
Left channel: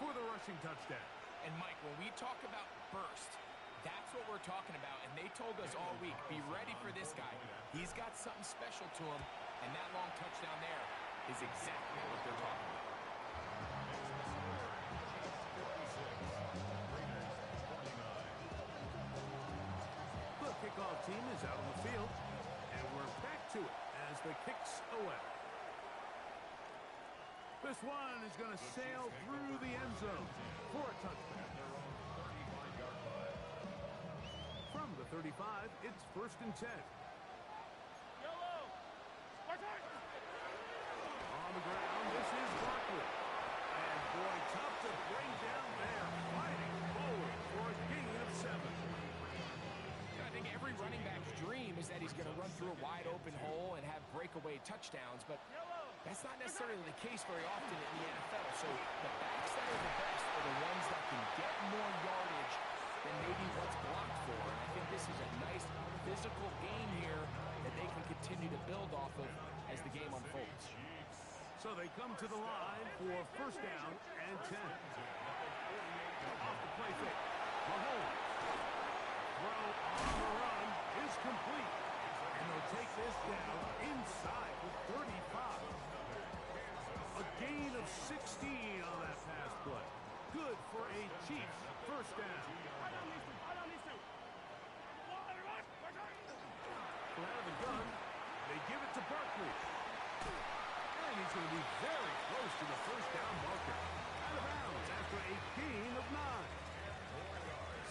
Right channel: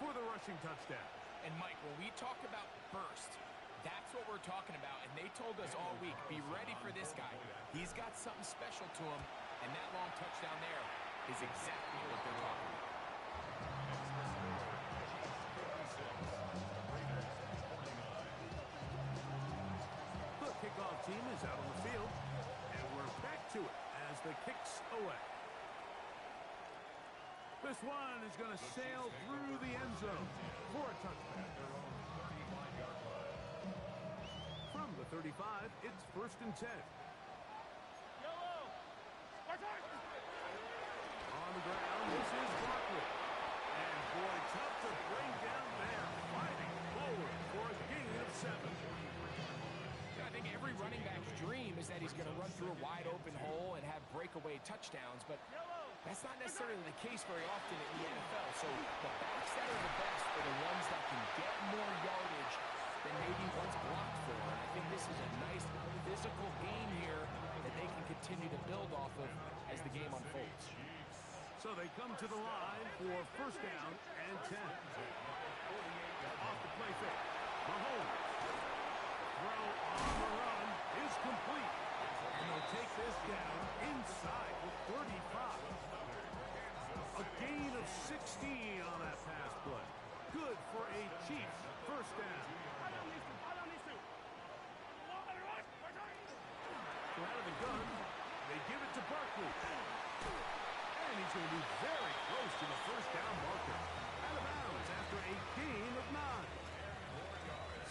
for the rushing touchdown. and Mike, when we talk about burst, that's what we're talking about. And they told us all week, be ready for this guy. He's got something special to him, and that long touchdown there is exactly what they're talking about. The kickoff team is out on the field, and we're back to it as the kick's away. This one is going to sail through the end zone for a touchdown. From the 35, it's first and 10. On the ground, this is Barkley. And boy, tough to bring down there, fighting forward for a gain of 7. I think every running back's dream is that he's going to run through a wide open hole and have breakaway touchdowns, but that's not necessarily the case very often in the NFL. So the backs that are the best are the ones that can get more yardage than maybe what's blocked for. And I think this is a nice physical game here that they can continue to build off of as the game unfolds. So they come to the line for first down and 10. Off the play fake. Mahomes. Throw on the run is complete. And they'll take this down inside the 35. A gain of 16 on that pass play. Good for a Chiefs first down. Out of the gun, they give it to Barkley. And he's going to be very close to the first down marker. Out of bounds after a gain of 9.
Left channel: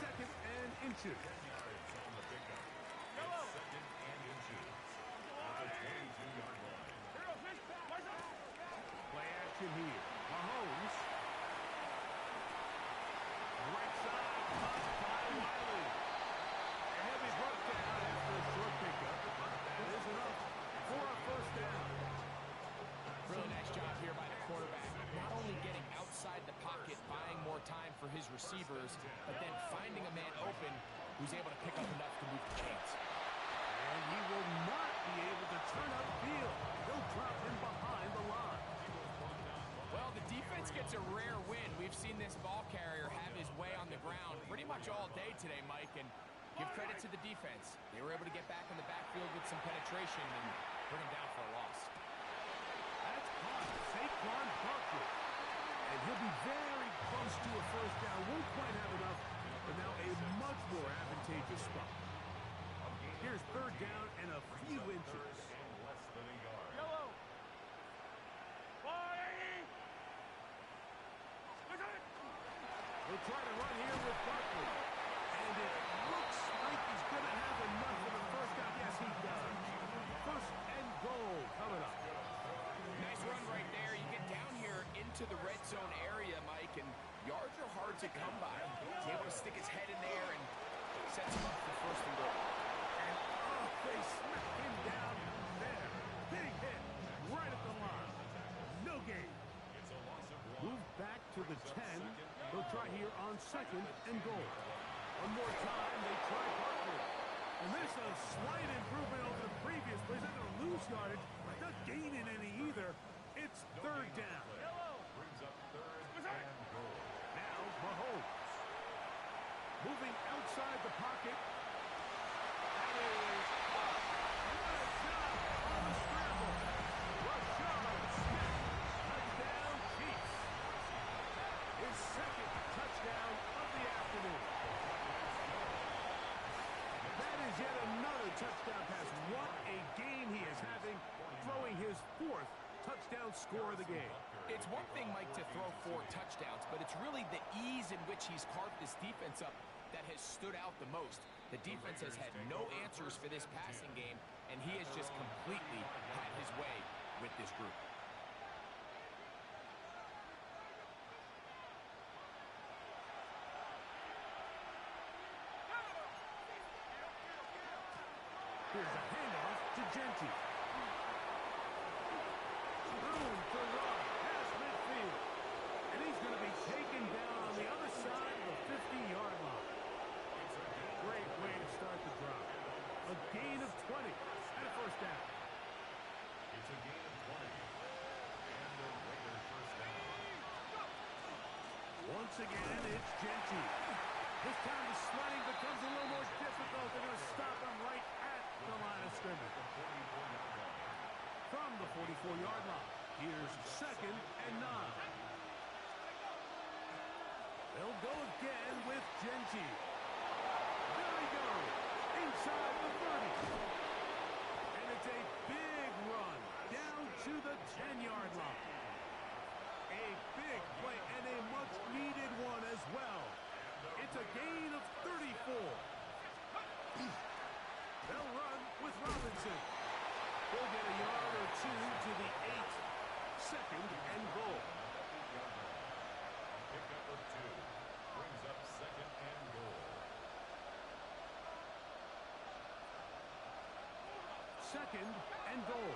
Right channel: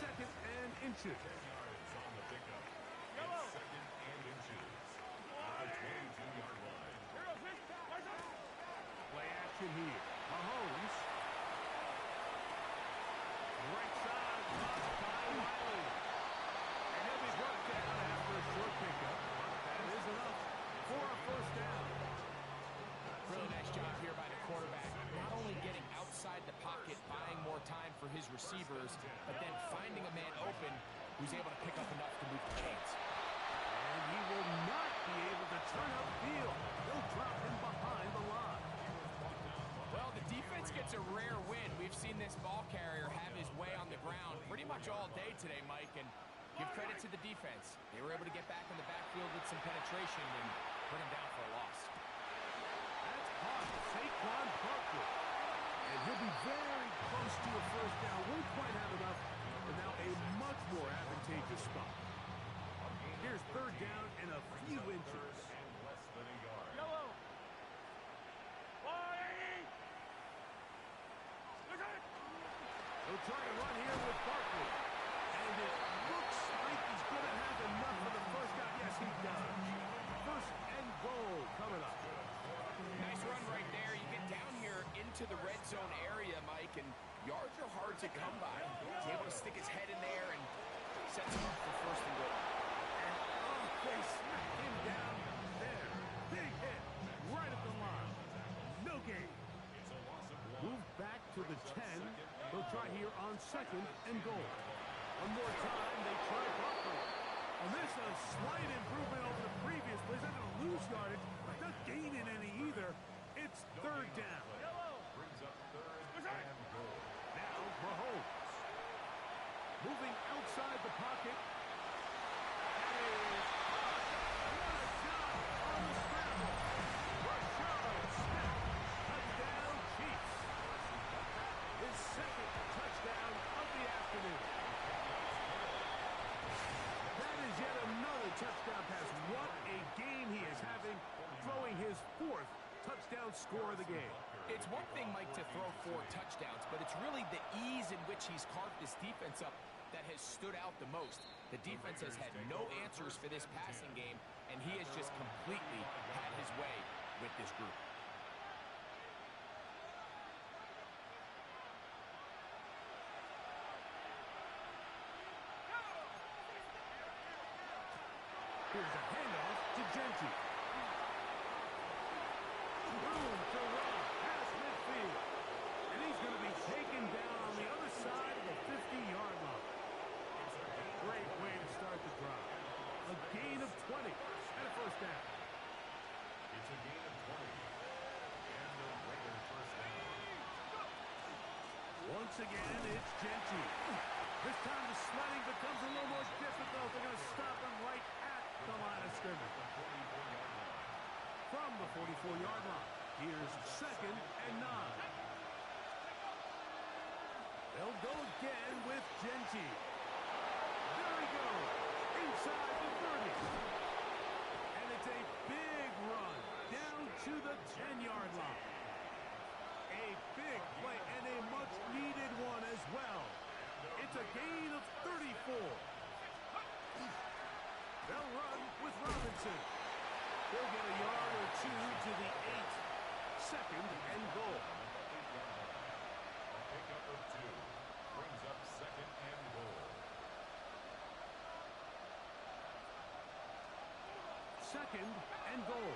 Second and inches. On the pickup. Second and inches. At the 22-yard line. Play action here. Mahomes. Right side, caught by Wiley. And he'll be brought down after a short pickup, but that is enough for a first down. Really nice job here by the quarterback. Not only getting outside the pocket, buying more time for his receivers, but then finding a man open who's able to pick up enough to move the chains. And he will not be able to turn up field. He'll drop defense gets a rare win. We've seen this ball carrier have his way on the ground pretty much all day today, Mike, and give credit to the defense. They were able to get back in the backfield with some penetration and bring him down for a loss. That's caught Saquon Barkley. And he'll be very close to a first down. Won't quite have enough, but now a much more advantageous spot. Here's third down and a few inches. Less than a yard. Yellow. He'll try to run here with Barkley. And it looks like he's going to have enough for the first down. Yes, he does. First and goal coming up. Nice run right there. You get down here into the red zone area, Mike, and yards are hard to come by. He's able to stick his head in there and sets him up for first and goal. And they smack him down there. Big hit right at the line. No gain. It's a loss of 1. Move back to the 10. They'll try here on second and goal. One more time, they try Barkley. And this is a slight improvement over the previous plays. Not going to lose yardage, not gaining any either. It's third down. Brings up third and goal. Now Mahomes. Moving outside the pocket. That is caught. What a job on the scramble. Rashard Smith. Touchdown Chiefs. His second touchdown of the afternoon. That is yet another touchdown pass. What a game he is having, throwing his fourth touchdown score of the game. It's one thing, Mike, to throw 4 touchdowns, but it's really the ease in which he's carved this defense up that has stood out the most. The defense has had no answers for this passing game, and he has just completely had his way with this group. Here's a handoff to Genty. Room to run past midfield. And he's going to be taken down on the other side of the 50-yard line. Great way to start the drive. A gain of 20 and a first down. It's a gain of 20. And a Raider first down. Once again, it's Genty. This time the sledding becomes a little more difficult. They're going to stop him right at the line of scrimmage. From the 44-yard line, here's second and 9. They'll go again with Genty. There he goes, inside the 30. And it's a big run down to the 10-yard line. A big play and a much-needed one as well. It's a gain of 34. They'll run with Robinson. He'll get a yard or two to the 8. Second and goal. A pickup of 2. Brings up second and goal. Second and goal.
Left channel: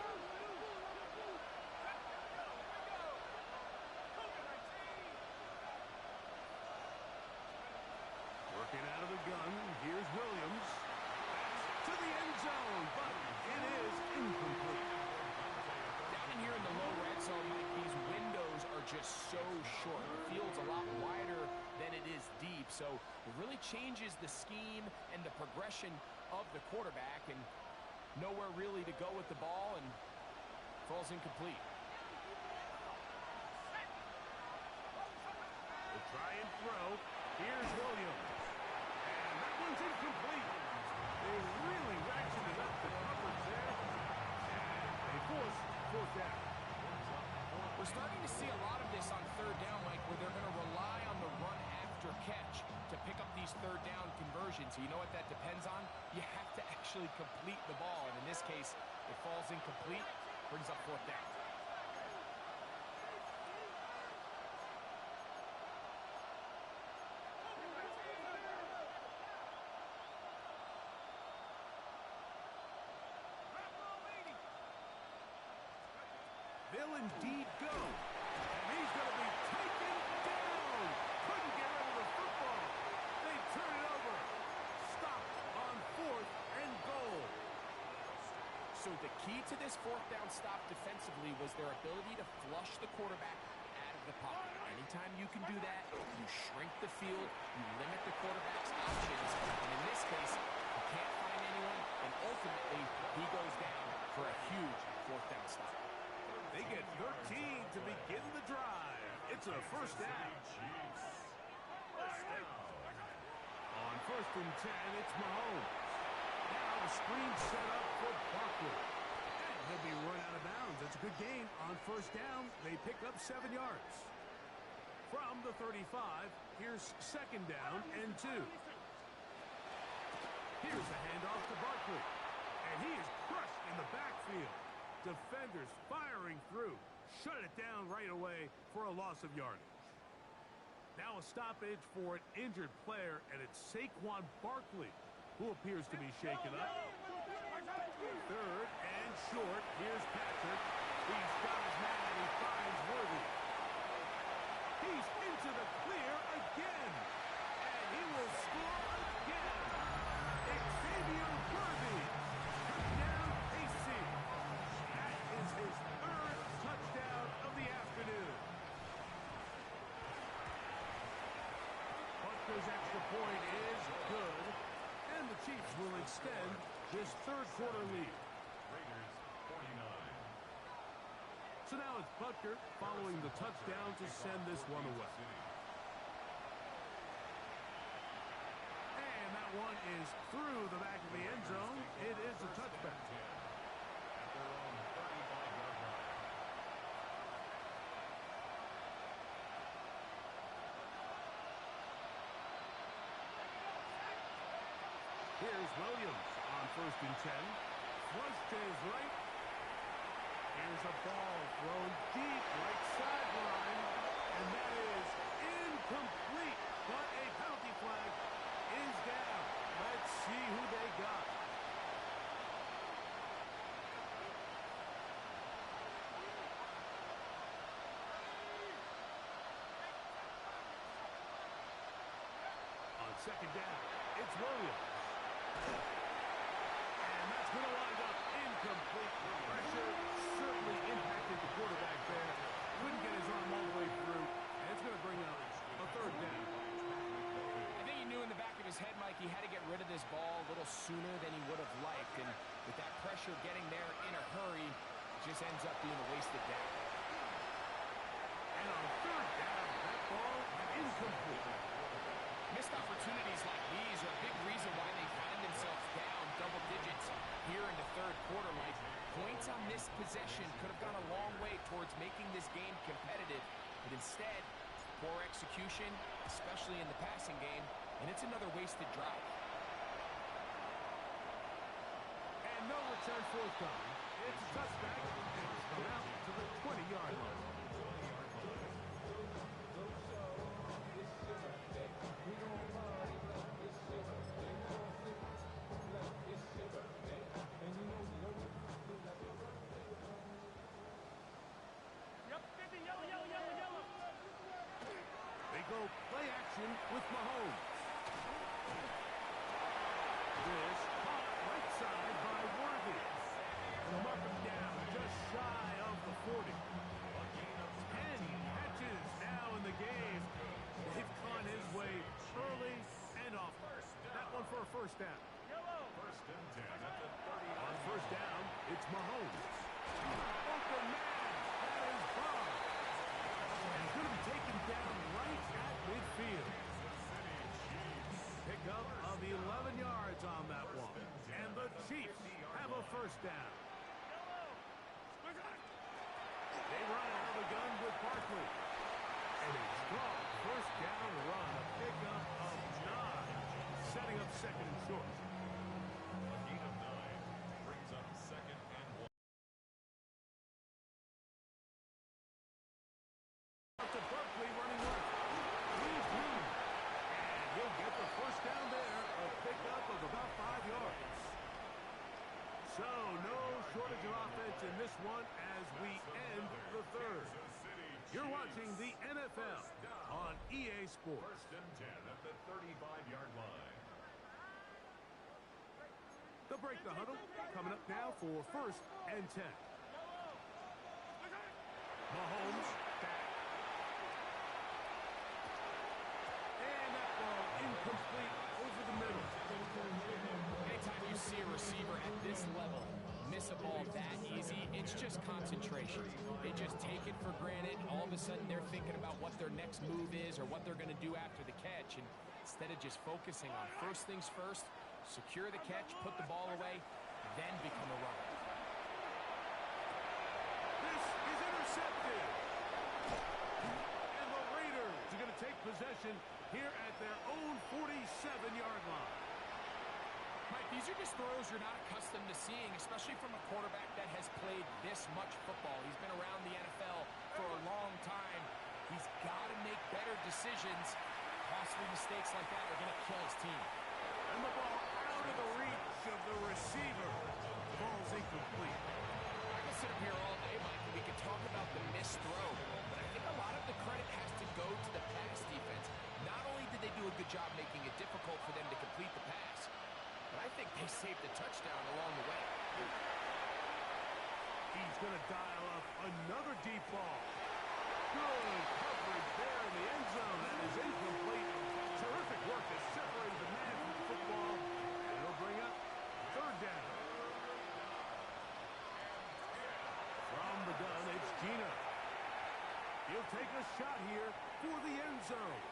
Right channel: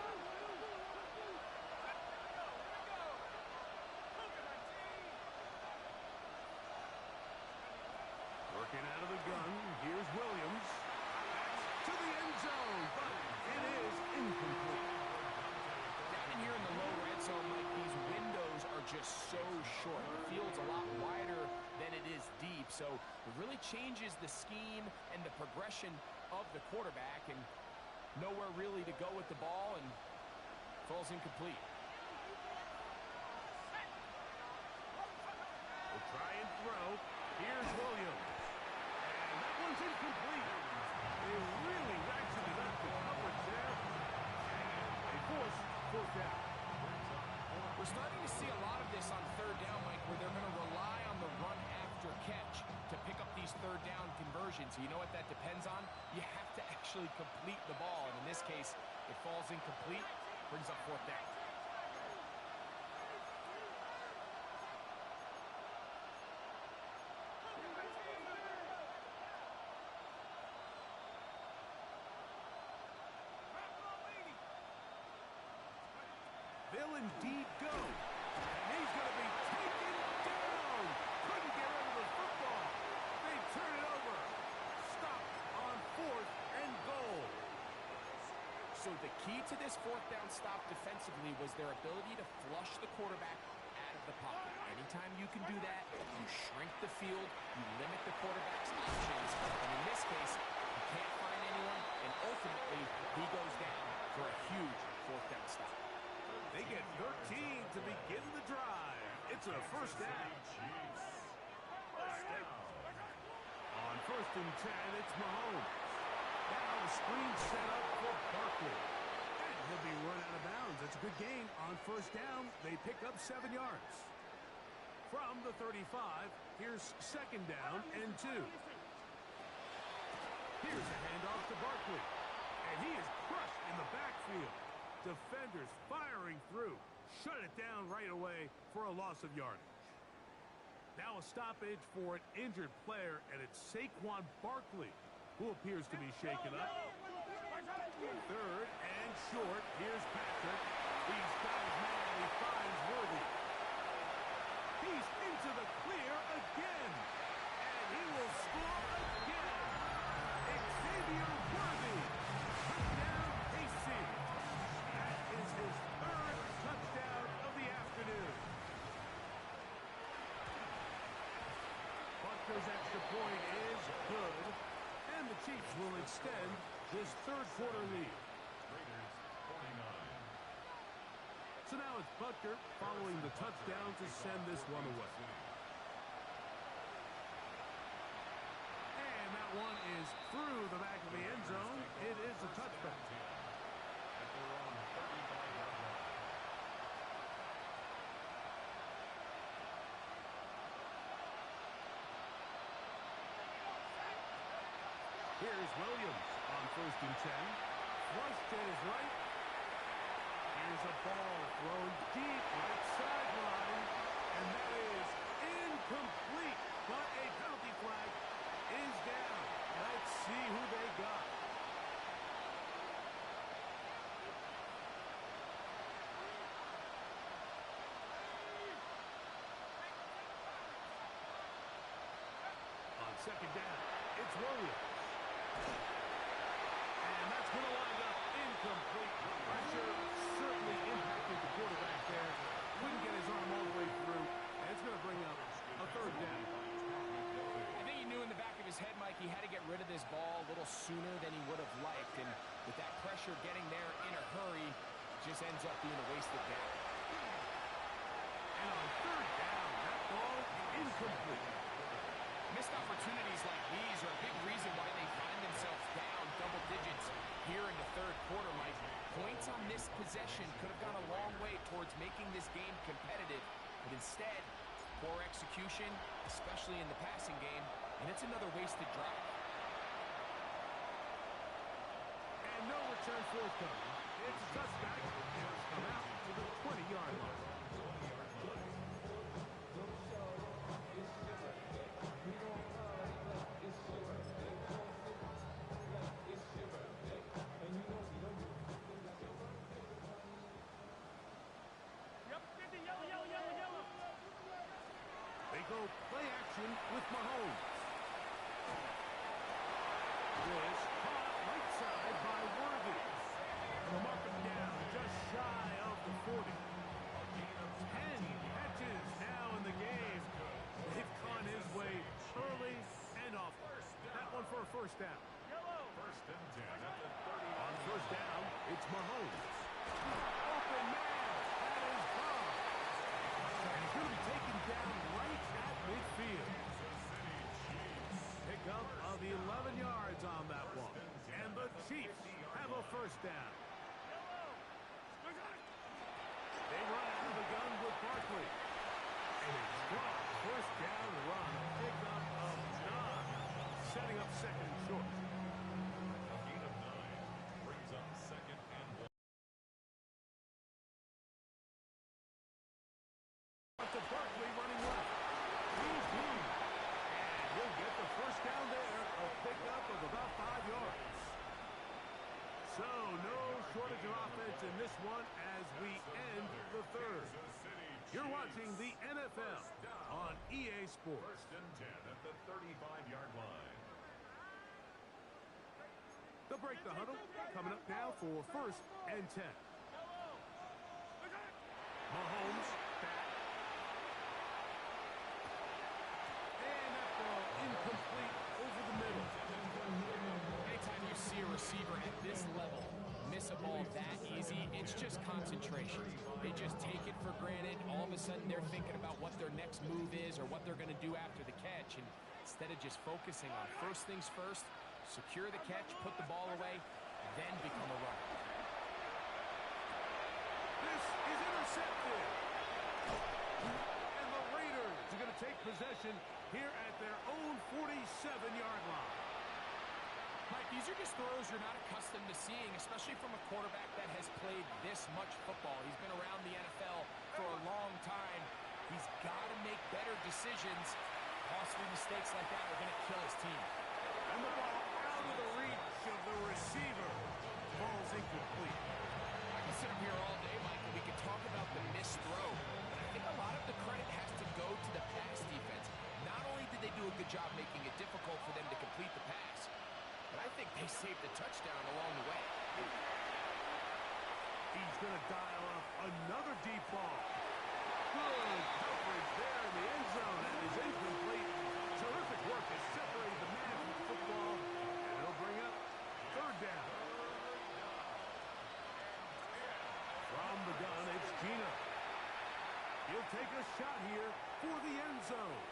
Working out of the gun, here's Williams. That's to the end zone, but it is incomplete. Down in here in the low red zone, Mike, these windows are just so short. The field's a lot wider than it is deep, so it really changes the scheme and the progression of the quarterback, and nowhere really to go with the ball, and falls incomplete. We'll try and throw. Here's Williams. And that one's incomplete. They really ratcheted up the coverage there. And they force fourth down. We're starting to see a lot of this on third down, Mike, where they're going to rely on the run after catch to pick up these third down conversions. You know what that depends on? You have to actually complete the ball, and in this case, it falls incomplete, brings up fourth down. They'll indeed go. And he's going to be taken down. Couldn't get rid of the football. They turn it over. Stop on fourth and goal. So the key to this fourth down stop defensively was their ability to flush the quarterback out of the pocket. Anytime you can do that, you shrink the field, you limit the quarterback's options, and in this case, he can't find anyone, and ultimately, he goes down for a huge fourth down stop. They get 13 to begin the drive. It's a first down. On 1st and 10, it's Mahomes. Now the screen set up for Barkley. And he'll be run out of bounds. It's a good gain on 1st down. They pick up 7 yards. From the 35, here's 2nd down and 2. Here's a handoff to Barkley. And he is crushed in the backfield. Defenders firing through. Shut it down right away for a loss of yardage. Now a stoppage for an injured player, and it's Saquon Barkley, who appears to be shaken up. 3rd and short. Here's Patrick. He's got his man, and he finds Worthy. He's into the clear again. And he will score again. Xavier Worthy. Touchdown, KC. That is his 3rd touchdown of the afternoon. Butker's extra point is good. And the Chiefs will extend this 3rd quarter lead. Raiders 49. So now it's Butker following the touchdown to send this one away. And that one is through the back of the end zone. It is a touchback. At their own 35-yard line. Here's Williams on 1st and 10. Flush to his right. Here's a ball thrown deep right sideline. And that is incomplete. But a penalty flag is down. Let's see who they got. On 2nd down, it's Williams. And that's going to wind up incomplete. Pressure certainly impacted the quarterback there. Couldn't get his arm all the way through. And it's going to bring up a 3rd down. I think he knew in the back of his head, Mike, he had to get rid of this ball a little sooner than he would have liked. And with that pressure getting there in a hurry, it just ends up being a wasted down. And on 3rd down, that ball incomplete. Missed opportunities like these are a big reason why they find themselves down double digits here in the 3rd quarter, Mike. Points on this possession could have gone a long way towards making this game competitive, but instead, poor execution, especially in the passing game, and it's another wasted drive. And no return forthcoming. It's a touchback, and it's come out to the 20-yard line. They go play action with Mahomes. This caught right side by Worthy. And they'll mark him down just shy of the 40. 10 catches now in the game. They've gone his way early and often. That one for a 1st down. 1st and 10 at the 30. On 1st down, it's Mahomes. Open man. That is Bob. And he's going to be taken down right at midfield. Pickup of 11 yards on that one. And the Chiefs have a 1st down. They run out of the gun with Barkley. And a strong 1st down run. A pickup of 9. Setting up 2nd and short. A gain of 9 brings up 2nd and 1. To Barkley running left. He's deep. And he'll get the 1st down there. A pickup of about 5 yards. So no shortage of offense in this one as we end the 3rd. You're watching the NFL on EA Sports. 1st and 10 at the 35-yard line. They'll break the huddle. Coming up now for 1st and 10. Mahomes back. incomplete over the middle. Anytime you see a receiver at this level miss a ball that easy, it's just concentration. They just take it for granted. All of a sudden, they're thinking about what their next move is or what they're going to do after the catch. And instead of just focusing on first things first, secure the catch, put the ball away, then become a runner. This is intercepted. And the Raiders are going to take possession here at their own 47-yard line. Mike, these are just throws you're not accustomed to seeing, especially from a quarterback that has played this much football. He's been around the NFL for a long time. He's got to make better decisions. Costly mistakes like that are going to kill his team. And the ball out of the reach of the receiver. Ball's incomplete. I can sit up here all day, Mike, and we could talk about the missed throw, but I think a lot of the credit has to go to the pass defense. Not only did they do a good job making it difficult for them to complete the pass, but I think they saved a touchdown along the way. He's going to dial up another deep ball. Good coverage there in the end zone. That is incomplete. Terrific work has separated the man from the football, and it'll bring up third down. From the gun, it's Gino. He'll take a shot here for the end zone.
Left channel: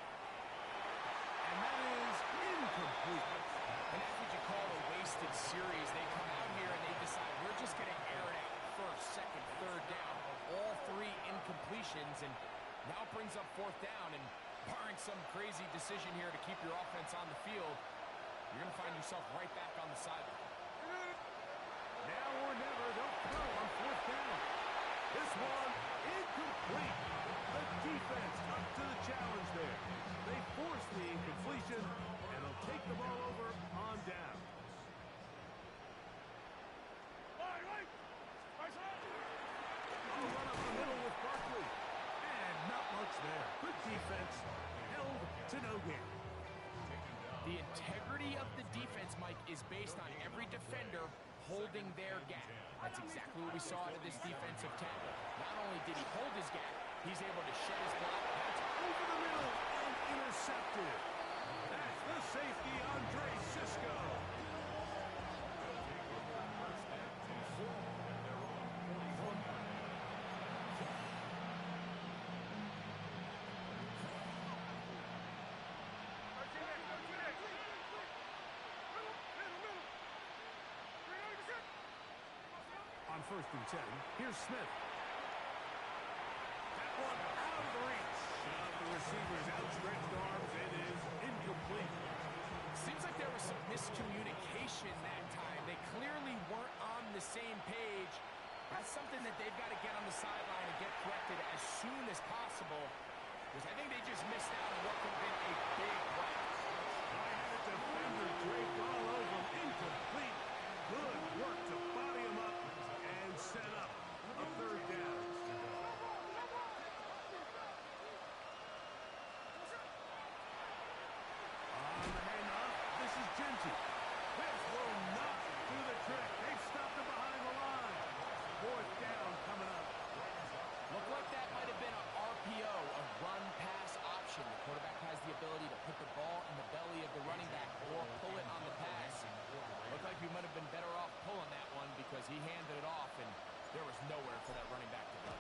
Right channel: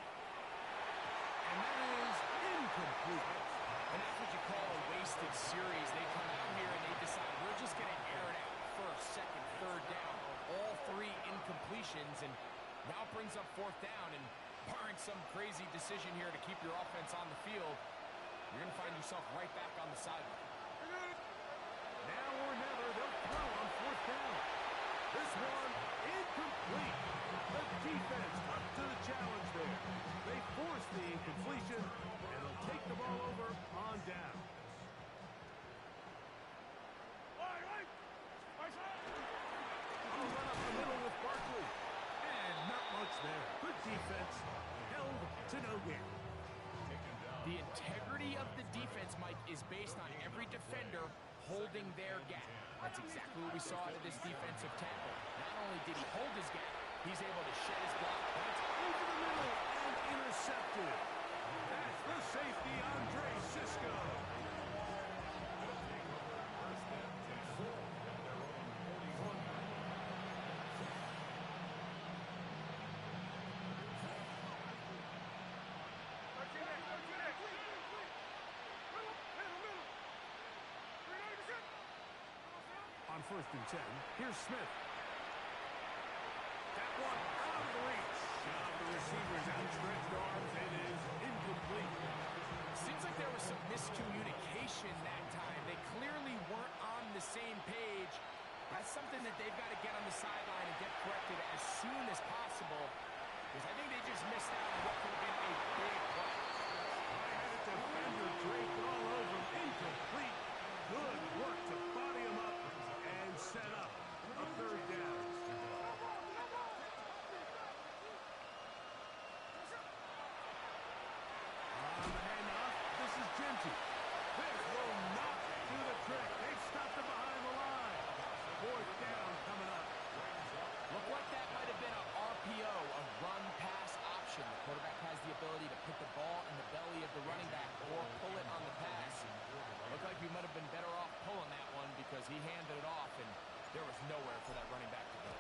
And that is incomplete. And that's what you call a wasted series. They come out here and they decide, we're just going to air it out first, second, third down. All three incompletions, and now it brings up fourth down. And barring some crazy decision here to keep your offense on the field, you're going to find yourself right back on the sideline. Now or never, they'll throw on fourth down. This one, incomplete. The defense up to the challenge there. They force the incompletion, and they'll take the ball over on down. I'll run up the middle with Barkley. And not much there. Good defense. Held to no gain. The integrity of the defense, Mike, is based on every defender holding their gap. That's exactly what we saw out of this defensive tackle. Not only did he hold his gap, he's able to shed his block. That's over the middle and intercepted. That's the safety, Andre Cisco. On 1st and 10, here's Smith. That one out of the reach of the receiver's outstretched arms. It is incomplete. Seems like there was some miscommunication that time. They clearly weren't on the same page. That's something that they've got to get on the sideline and get corrected as soon as possible, because I think they just missed out on what could have been a big play. I had a defender draped all over him. Incomplete. Good work to body him up and set up a third down. On the handoff, this is Genty. This will not do the trick. They've stopped him behind the line. Fourth down coming up. Looked like that might have been an RPO, a run-pass option. The quarterback has the ability to put the ball in the belly of the running back or pull it on the pass. Looked like he might have been better off pulling that one because he handed it off, and there was nowhere for that running back to go.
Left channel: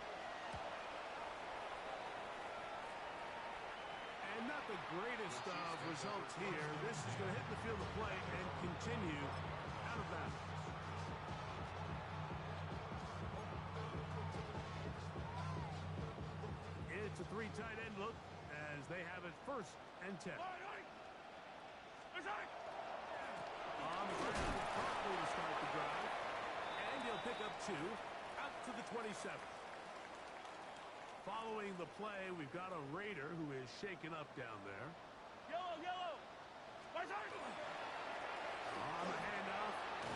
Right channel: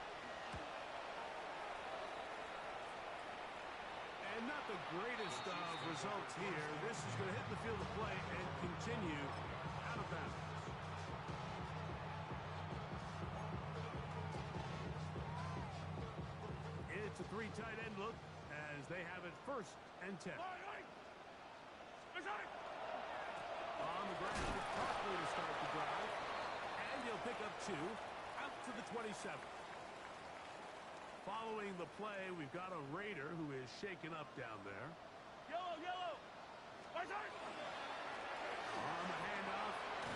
And not the greatest of results here. This is going to hit the field of play and continue out of bounds. It's a three tight end look as they have it 1st and 10. On the ground, it's Barkley to start the drive. And he'll pick up 2 out to the 27. Following the play, we've got a Raider who is shaken up down there. Yellow! On the handoff,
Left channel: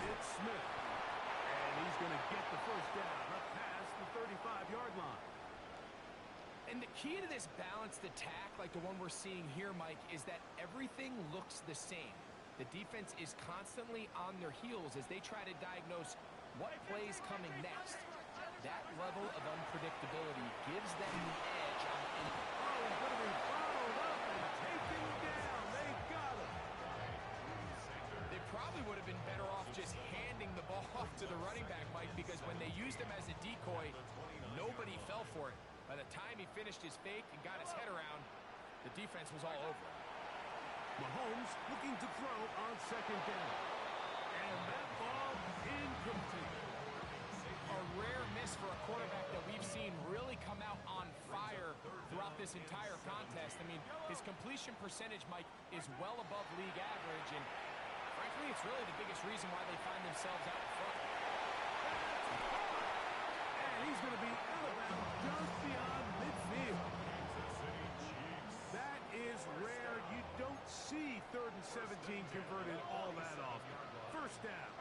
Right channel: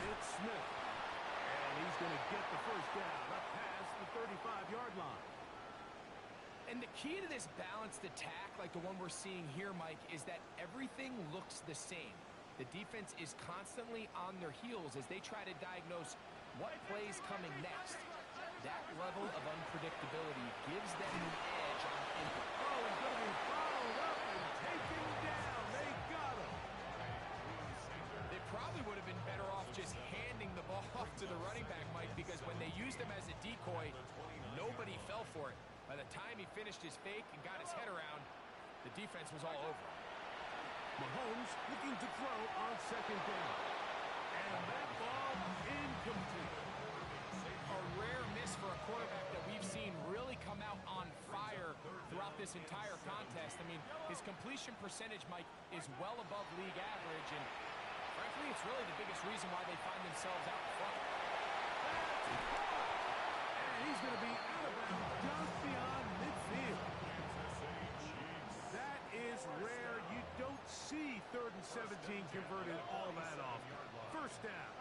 it's Smith. And he's going to get the first down up past the 35-yard line. And the key to this balanced attack, like the one we're seeing here, Mike, is that everything looks the same. The defense is constantly on their heels as they try to diagnose what play's coming next. That level of unpredictability gives them the edge on any. Oh, he's going to be followed up and taken down. They got him. They probably would have been better off just handing the ball off to the running back, Mike, because when they used him as a decoy, nobody fell for it. By the time he finished his fake and got his head around, the defense was all over him. Mahomes looking to throw on second down. And that ball incomplete. A rare miss for a quarterback that we've seen really come out on fire throughout this entire contest. I mean, his completion percentage, Mike, is well above league average, and frankly, it's really the biggest reason why they find themselves out in front. That's hard. And he's going to be out of bounds just beyond midfield. That is rare. You don't see 3rd and 17 converted all that often. First down.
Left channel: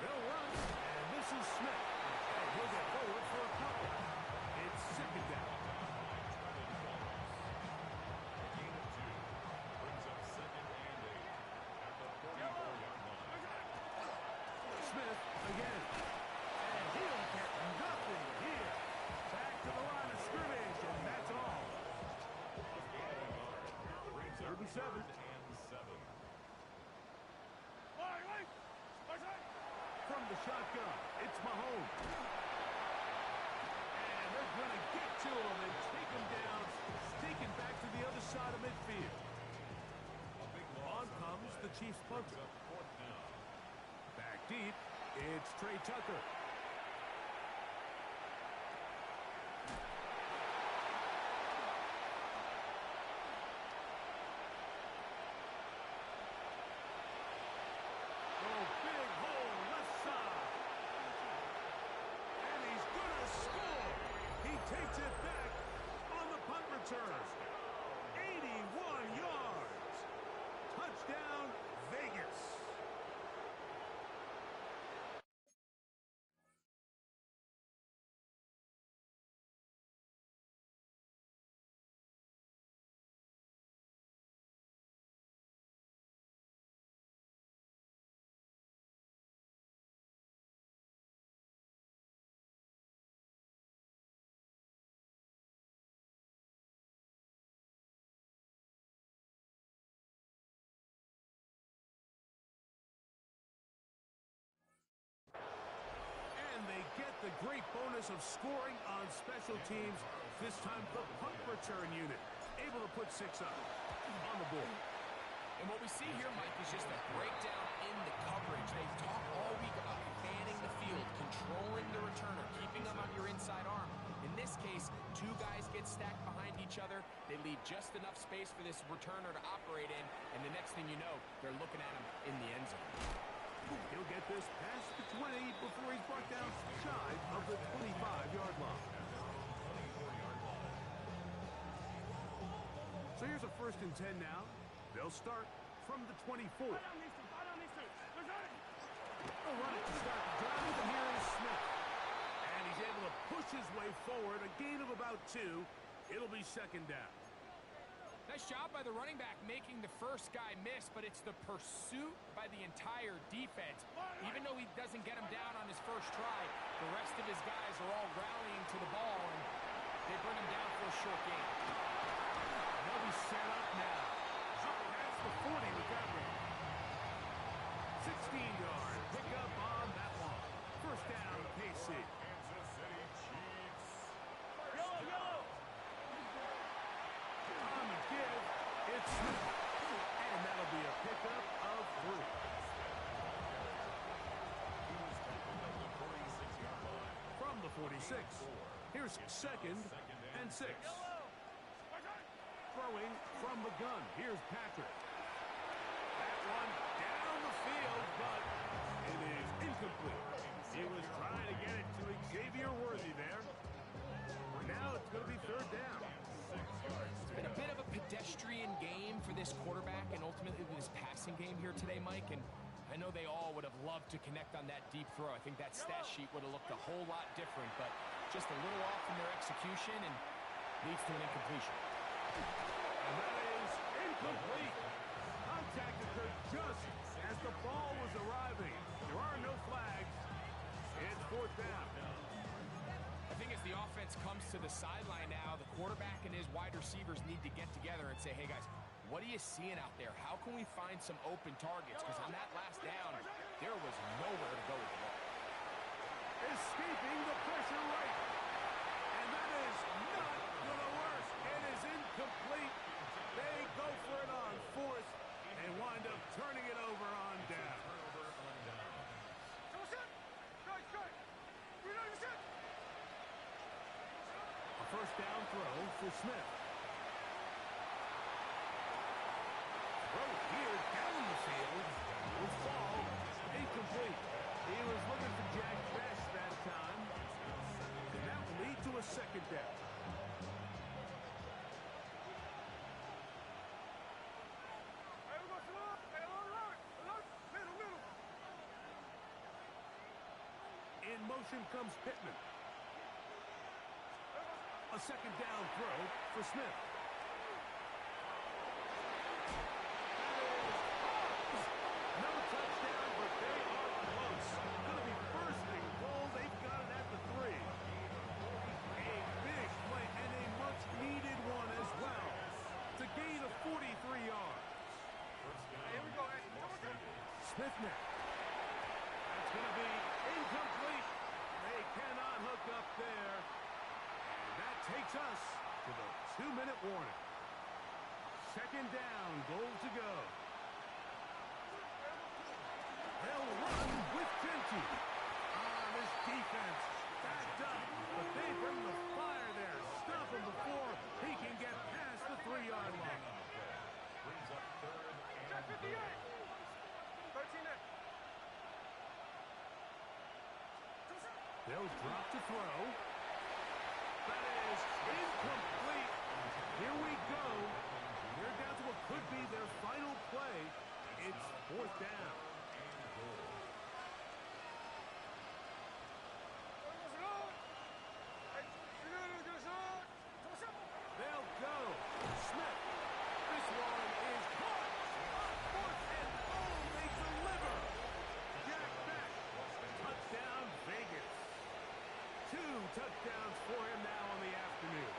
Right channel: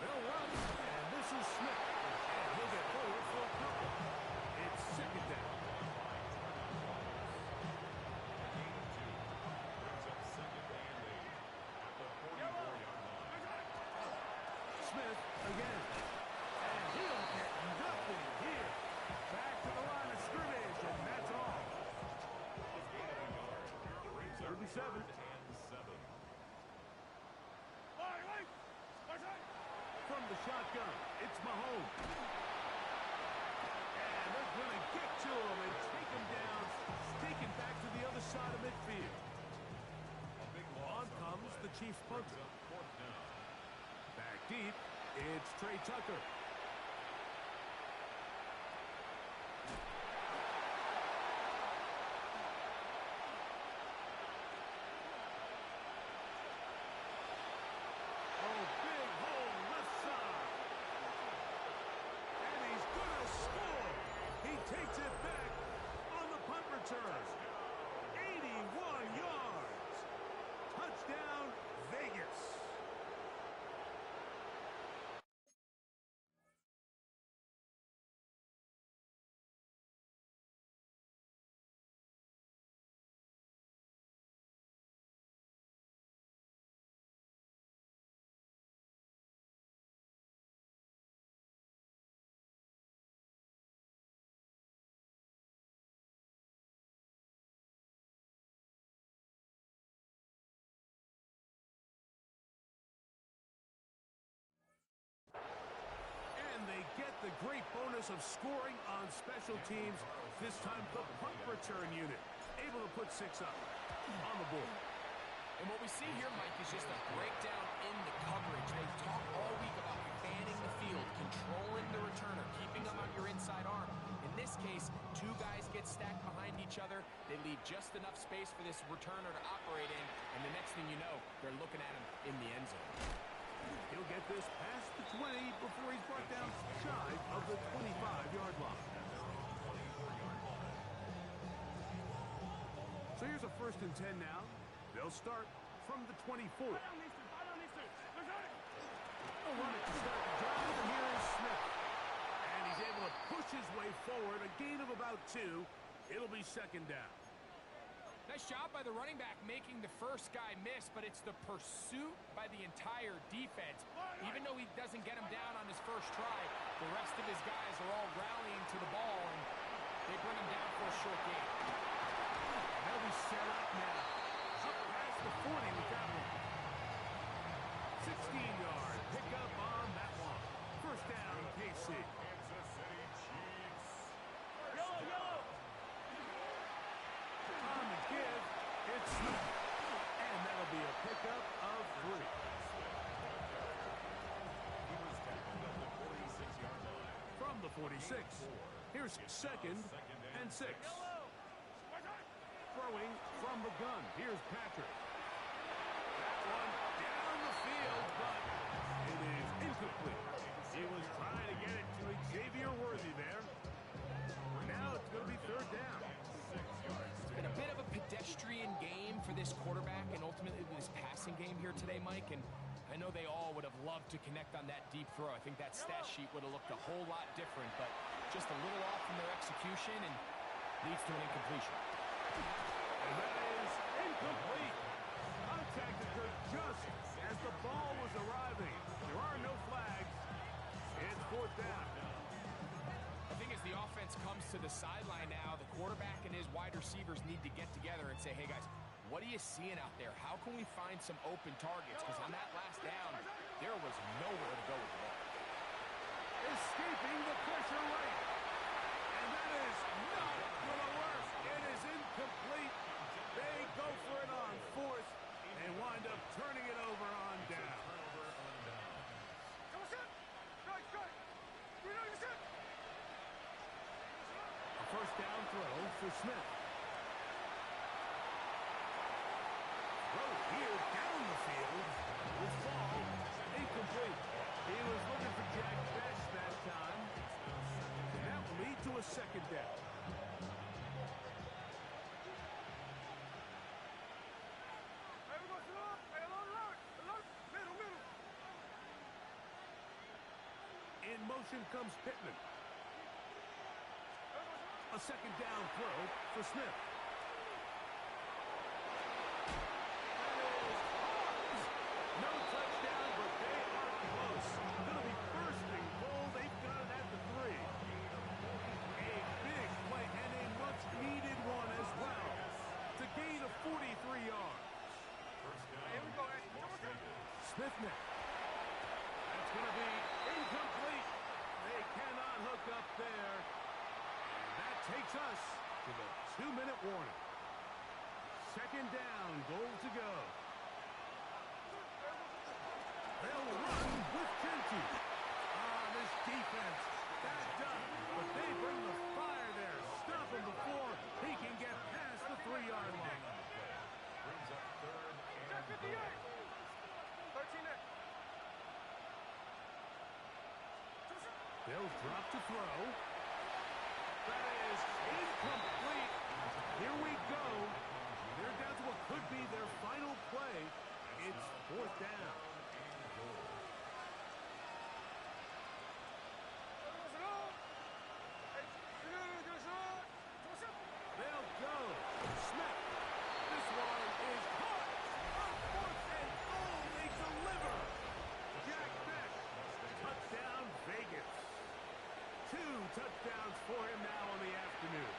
They'll run, and this is Smith. And he'll get forward for a couple. It's second down. Gain of 2 brings up 2nd and 8 at the 44-yard line. Smith again. And he'll get nothing here. Back to the line of scrimmage, and that's all. A gain of 1 yard brings up 3rd and 7. 3rd and 7. From the shotgun, it's Mahomes. And they're going to get to him and take him down, taken back to the other side of midfield. A big loss On comes the Chiefs punter. brings up 4th down. Back deep, it's Trey Tucker. Oh, big hole left side. And he's going to score. He takes it back on the punt return. 81 yards. Touchdown, Vegas. And they get the great bonus of scoring on special teams. This time the punt return unit able to put 6 up on the board. And what we see here, Mike, is just a breakdown in the coverage. They've talked all week about fanning the field, controlling the returner, keeping them on your inside arm. In this case, 2 guys get stacked behind each other. They leave just enough space for this returner to operate in, and the next thing you know, they're looking at him in the end zone. He'll get this past the 20 before he's brought down shy of the 25-yard line. So here's a 1st and 10 now. They'll start from the 24. They'll run it to start the drive, and here is Smith. And he's able to push his way forward, a gain of about 2. It'll be 2nd down. Nice job by the running back making the first guy miss, but it's the pursuit by the entire defense. Even though he doesn't get him down on his first try, the rest of his guys are all rallying to the ball, and they bring him down for a short gain. And they'll be set up now. Up past the 40 with that one. 16-yard pickup on that one. First down, KC. Kansas City Chiefs. Yellow. On the give, it's Smith. And that'll be a pickup of 3. He was tackled at the 46-yard line. From the 46, here's 2nd and 6. Throwing from the gun, here's Patrick. That one down the field, but it is incomplete. He was trying to get it to Xavier Worthy there. Now it's going to be 3rd down. It's been a bit of a pedestrian game for this quarterback and ultimately this passing game here today, Mike, and I know they all would have loved to connect on that deep throw. I think that stat sheet would have looked a whole lot different, but just a little off in their execution and leads to an incompletion. And that is incomplete. Contact occurred just as the ball was arriving. There are no flags. It's 4th down. I think as the offense comes to the sideline now, the quarterback and his wide receivers need to get together and say, hey, guys, what are you seeing out there? How can we find some open targets? Because on that last down, there was nowhere to go with the ball. Escaping the pressure right. And that is not going to work. It is incomplete. They go for it on fourth. They wind up turning it over on down. A first down throw for Smith. Throw here down the field will fall incomplete. He was looking for Jack Best that time. And that will lead to a second down. In motion comes Pittman. A second down throw for Smith. That is hard. No touchdown, but they are close. Going to be first and goal. They've got it at the 3. A big play and a much-needed one as well. To gain of 43 yards. Here we go, Smith now. That's going to be incomplete. They cannot hook up there. And that takes us to the 2-minute warning. Second down, goal to go. They'll run with Genty. This defense backed up, but they bring the fire there. Stop him before he can get past the 3-yard line. Brings up third and 58. 13. They'll drop to throw. That is incomplete. Here we go. They're down to what could be their final play. It's fourth down. They'll go. Smith. This one is caught. On fourth and goal, they deliver. Jack Beck. Touchdown, Vegas. 2 touchdowns for him now on the afternoon.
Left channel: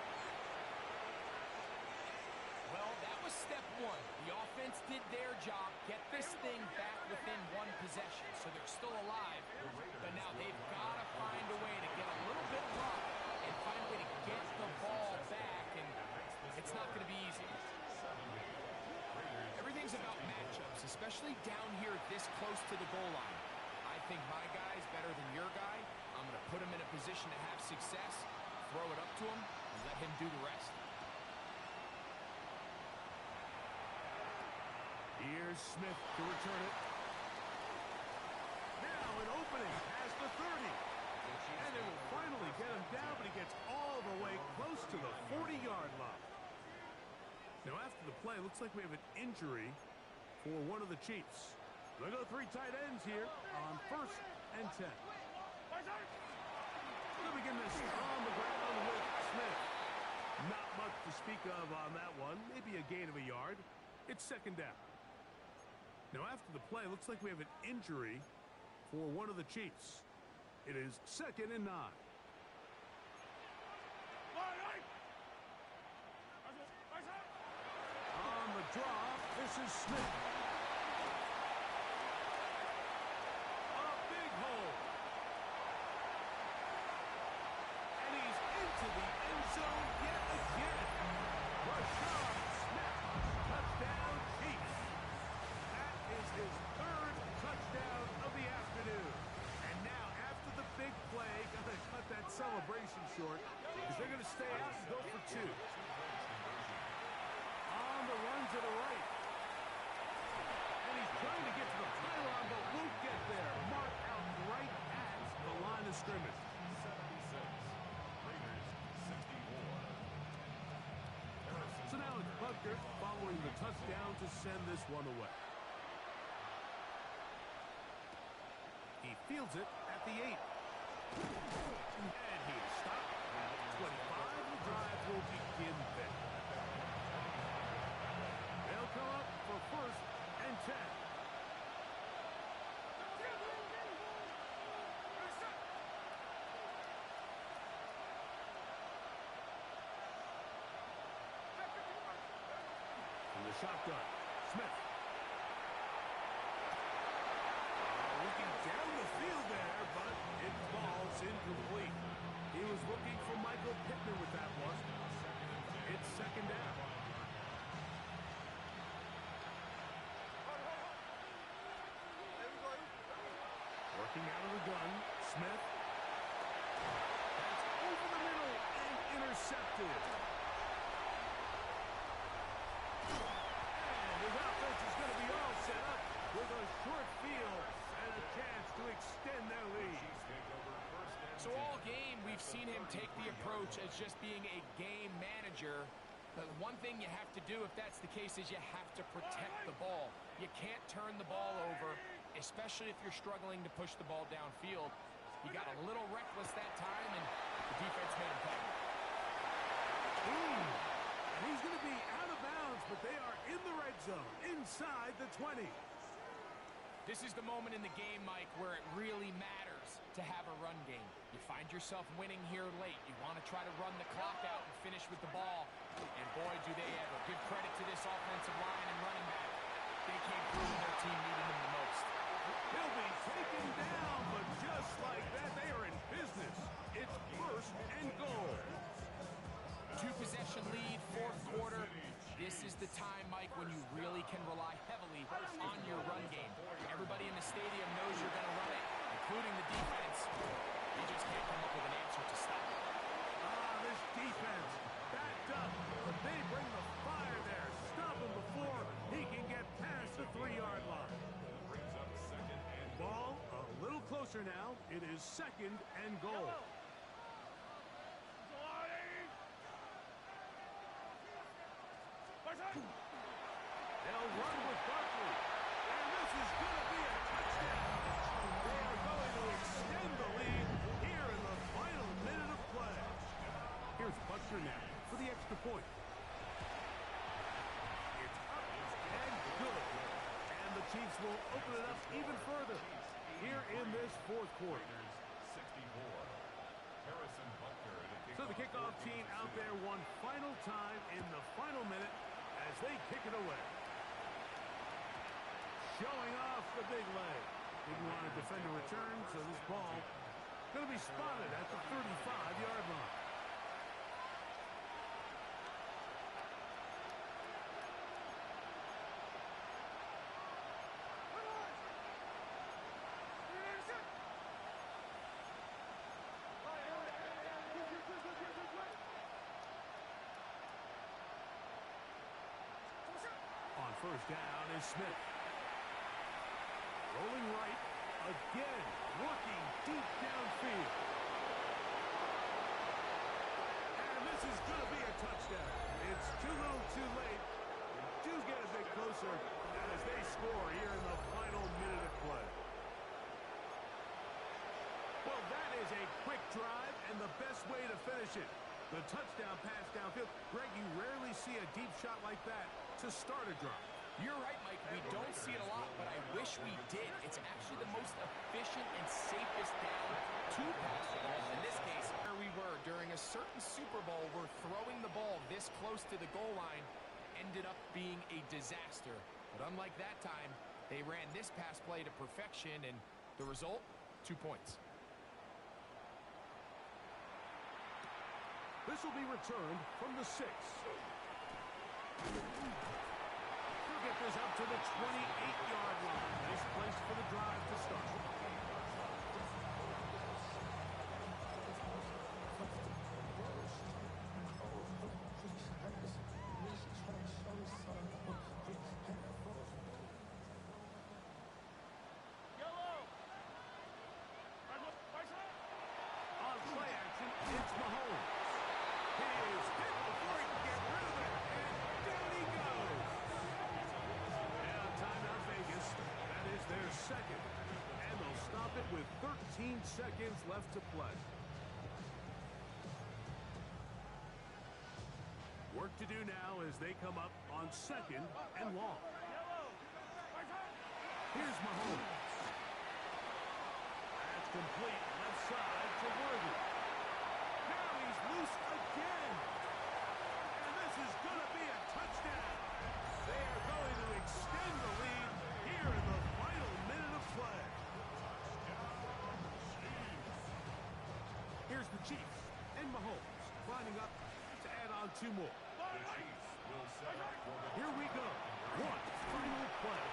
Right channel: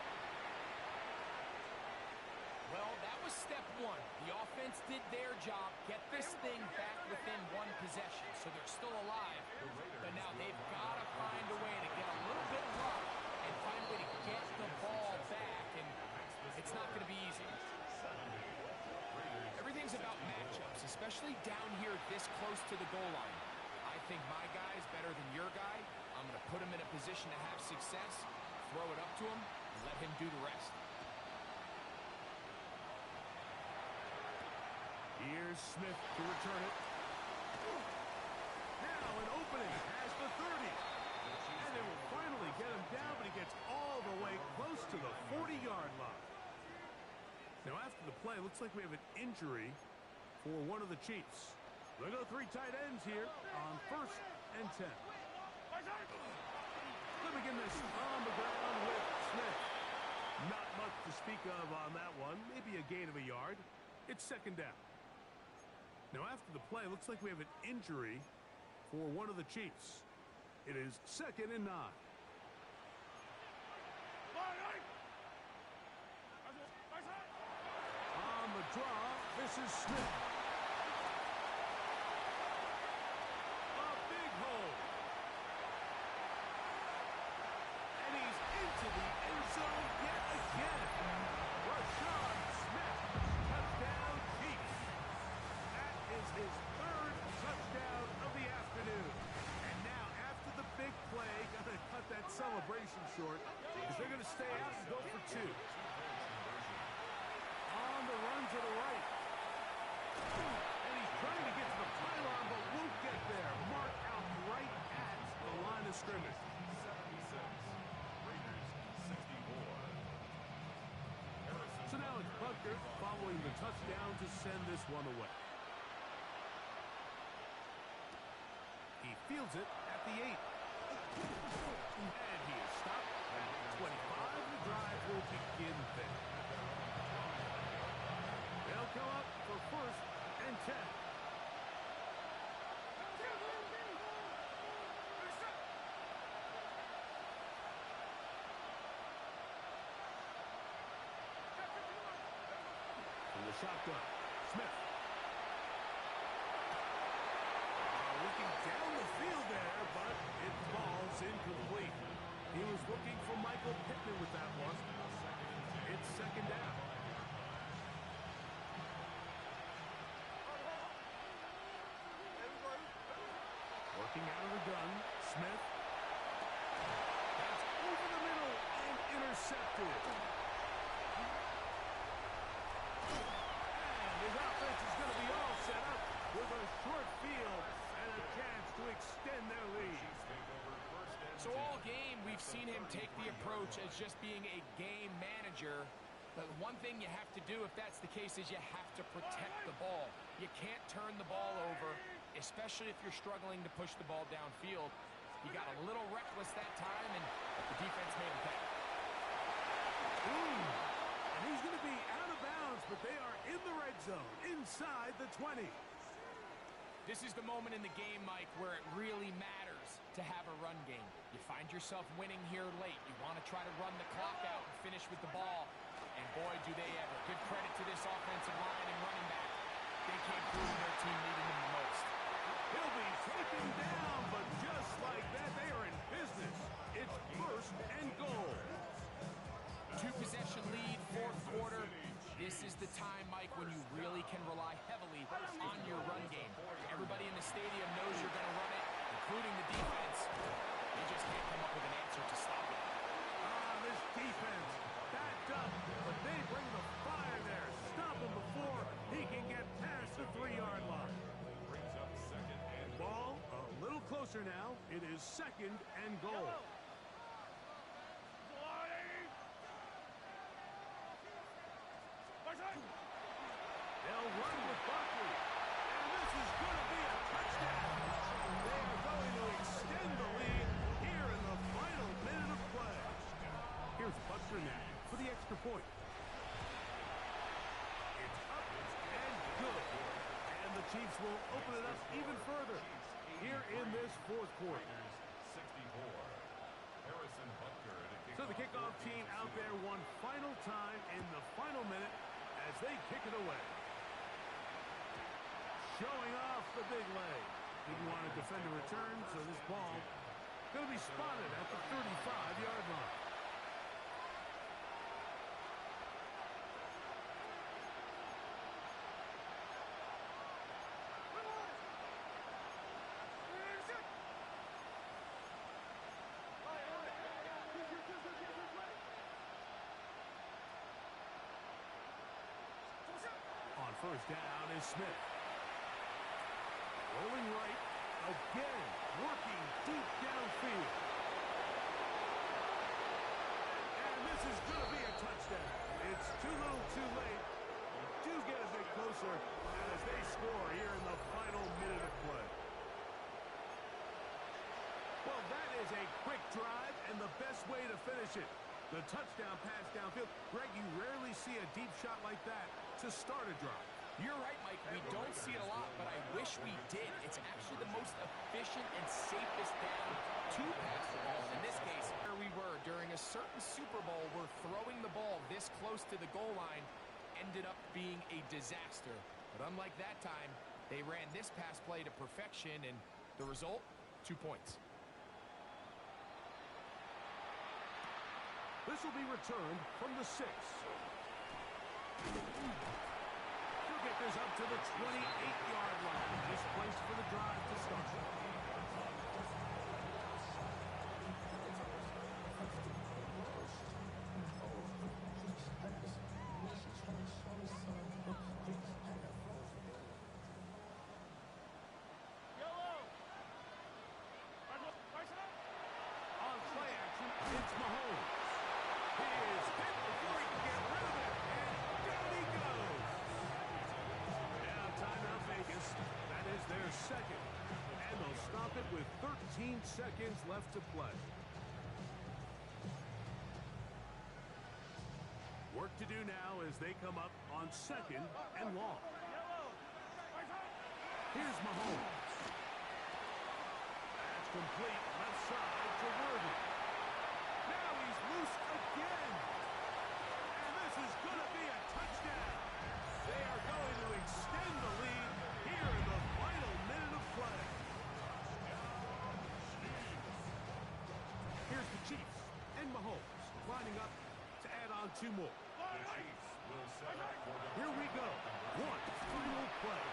Well, that was step 1. The offense did their job, get this thing back within 1 possession, so they're still alive. But now they've got to find a way to get a little bit of luck and find a way to get the ball back, and it's not going to be easy. Everything's about matchups, especially down here this close to the goal line. I think my guy's better than your guy. I'm going to put him in a position to have success, throw it up to him, and let him do the rest. Here's Smith to return it. Now an opening past the 30. And they will finally get him down, but he gets all the way close to the 40-yard line. Now after the play, looks like we have an injury for one of the Chiefs. They go 3 tight ends here on first and 10. They'll begin this on the ground with Smith. Not much to speak of on that one. Maybe a gain of a yard. It's second down. Now after the play, looks like we have an injury for one of the Chiefs. It is second and 9. On the draw, this is Smith. A big hole. And he's into the end zone yet again. Rashad Smith, touchdown Chiefs. That is his 3rd touchdown of the afternoon. And now, after the big play, got to cut that celebration short because they're going to stay out and go for 2. On the run to the right. And he's trying to get to the pylon, but won't get there. Mark out right at the line of scrimmage. 76. Raiders 64. So now it's Butker following the touchdown to send this one away. He fields it at the 8. And he is stopped at 25. The drive will begin there. They'll come up for first and 10. shotgun. Smith. Looking down the field there, but it falls incomplete. He was looking for Michael Pittman with that one. It's second down. Working out of the gun, Smith. That's over the middle and intercepted. And his offense is going to be all set up with a short field and a chance to extend their lead. So all game, we've seen him take the approach as just being a game manager. But one thing you have to do if that's the case is you have to protect the ball. You can't turn the ball over, especially if you're struggling to push the ball downfield. He got a little reckless that time, and the defense made him pay. And he's going to be out of bounds, but they are in the red zone, inside the 20. This is the moment in the game, Mike, where it really matters to have a run game. You find yourself winning here late. You want to try to run the clock out and finish with the ball. And boy, do they ever. Give credit to this offensive line and running back. They came through when their team needed them the most. He'll be taken down, but just like that, they are in business. It's first and goal. Two-possession lead, fourth quarter. This is the time, Mike, when you really can rely heavily on your run game. Everybody in the stadium knows you're going to run it, including the defense. They just can't come up with an answer to stop it. This defense backed up, but they bring the fire there. Stop him before he can get past the 3-yard line. Ball a little closer now. It is second and goal. They'll run with Barkley. And this is going to be a touchdown. They are going to extend the lead here in the final minute of play. Here's Buster now for the extra point. It's up and good. And the Chiefs will open it up even further here in this fourth quarter. So the kickoff team out there one final time in the final minute as they kick it away. Showing off the big leg. Didn't want to defend a return, so this ball going to be spotted at the 35-yard line. On first down is Smith. Rolling right, again, working deep downfield. And this is going to be a touchdown. It's too little too late. Do get a bit closer as they score here in the final minute of play. Well, that is a quick drive and the best way to finish it. The touchdown pass downfield. Greg, you rarely see a deep shot like that to start a drive. You're right, Mike. We don't see it a lot, but I wish we did. It's actually the most efficient and safest down to pass the ball. In this case, where we were during a certain Super Bowl where throwing the ball this close to the goal line ended up being a disaster. But unlike that time, they ran this pass play to perfection, and the result, 2 points. This will be returned from the 6. He'll get this up to the 28-yard line. Nice place for the drive to start. On play action, it's Mahomes. He is hit before he can get rid of it, and down he goes. Now, timeout Vegas. That is their second. And they'll stop it with 13 seconds left to play. Work to do now as they come up on second and long. Here's Mahomes. That's complete left side to Worthy. Now he's loose again. And this is going to be a touchdown. They are going to extend the lead here in the final minute of play. Here's the Chiefs and Mahomes lining up to add on 2 more. The Chiefs will set up for the Here we go. One final play.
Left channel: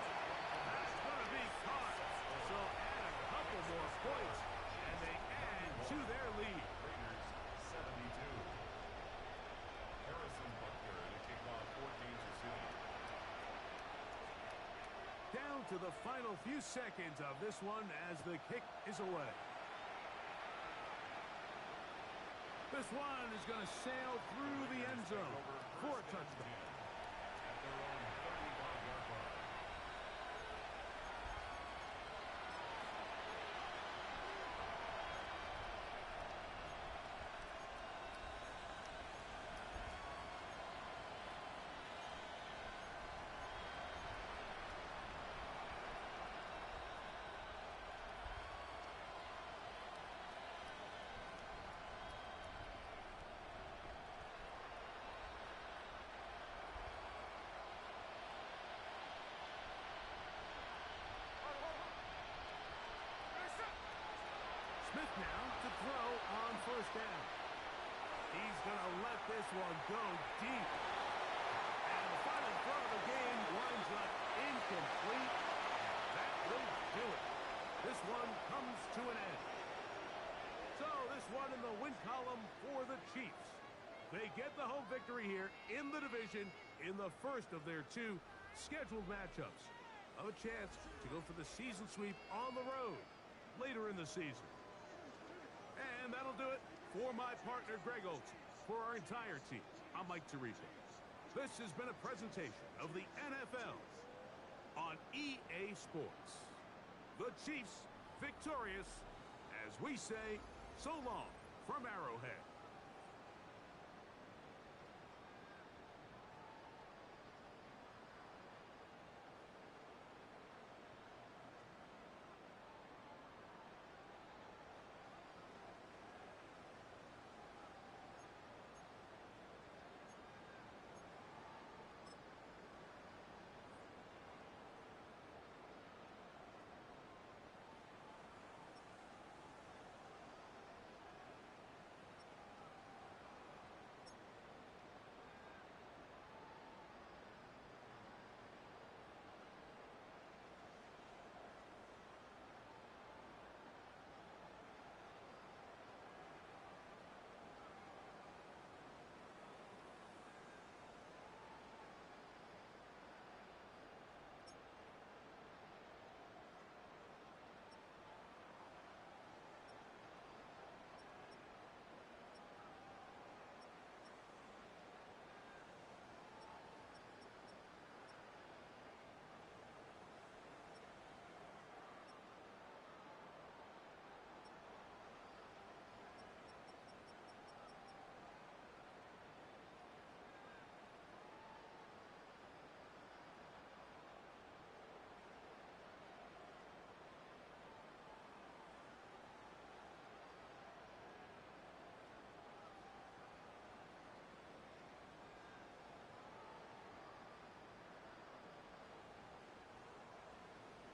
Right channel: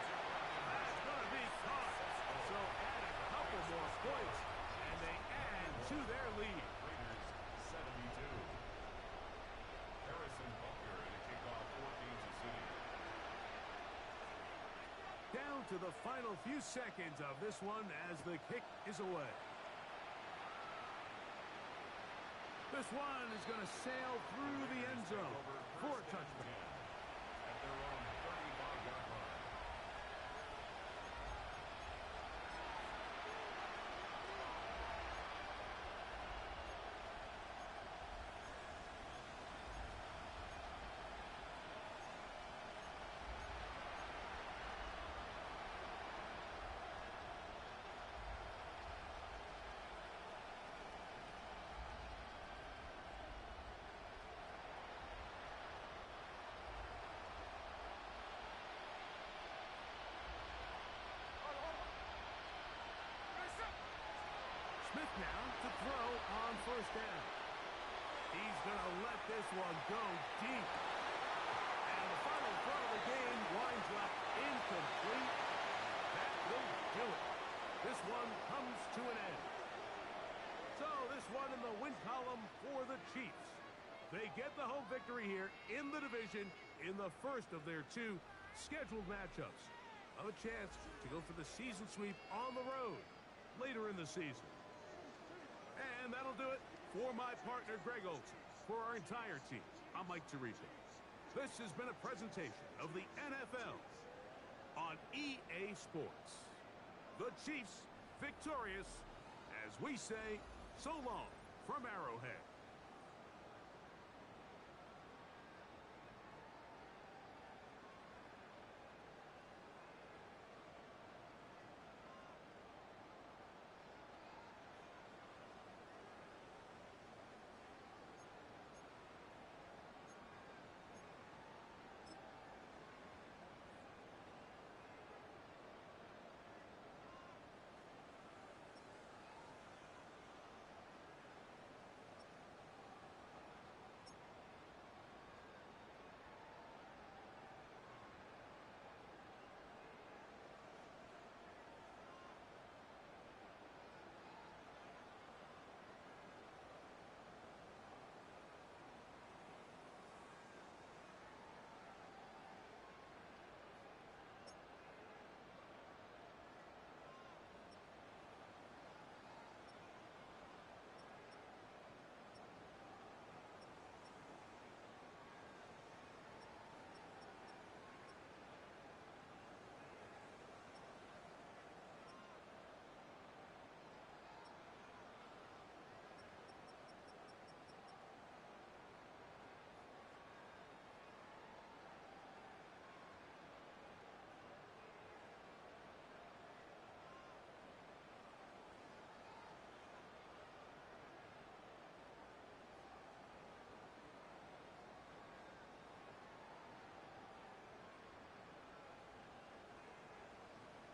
That's going to be caught. So add a couple more points, and they add to their lead. Raiders 72. Harrison Butker to kick off for Kansas City. Down to the final few seconds of this one as the kick is away. This one is going to sail through the end zone for a touchdown. At their own 35-yard line. Smith now to throw on first down. He's going to let this one go deep. And the final throw of the game winds up incomplete. That will do it. This one comes to an end. So this one in the win column for the Chiefs. They get the home victory here in the division in the first of their 2 scheduled matchups. A chance to go for the season sweep on the road later in the season. And that'll do it for my partner, Greg Olsen. For our entire team, I'm Mike Tirico. This has been a presentation of the NFL on EA Sports. The Chiefs victorious, as we say, so long from Arrowhead.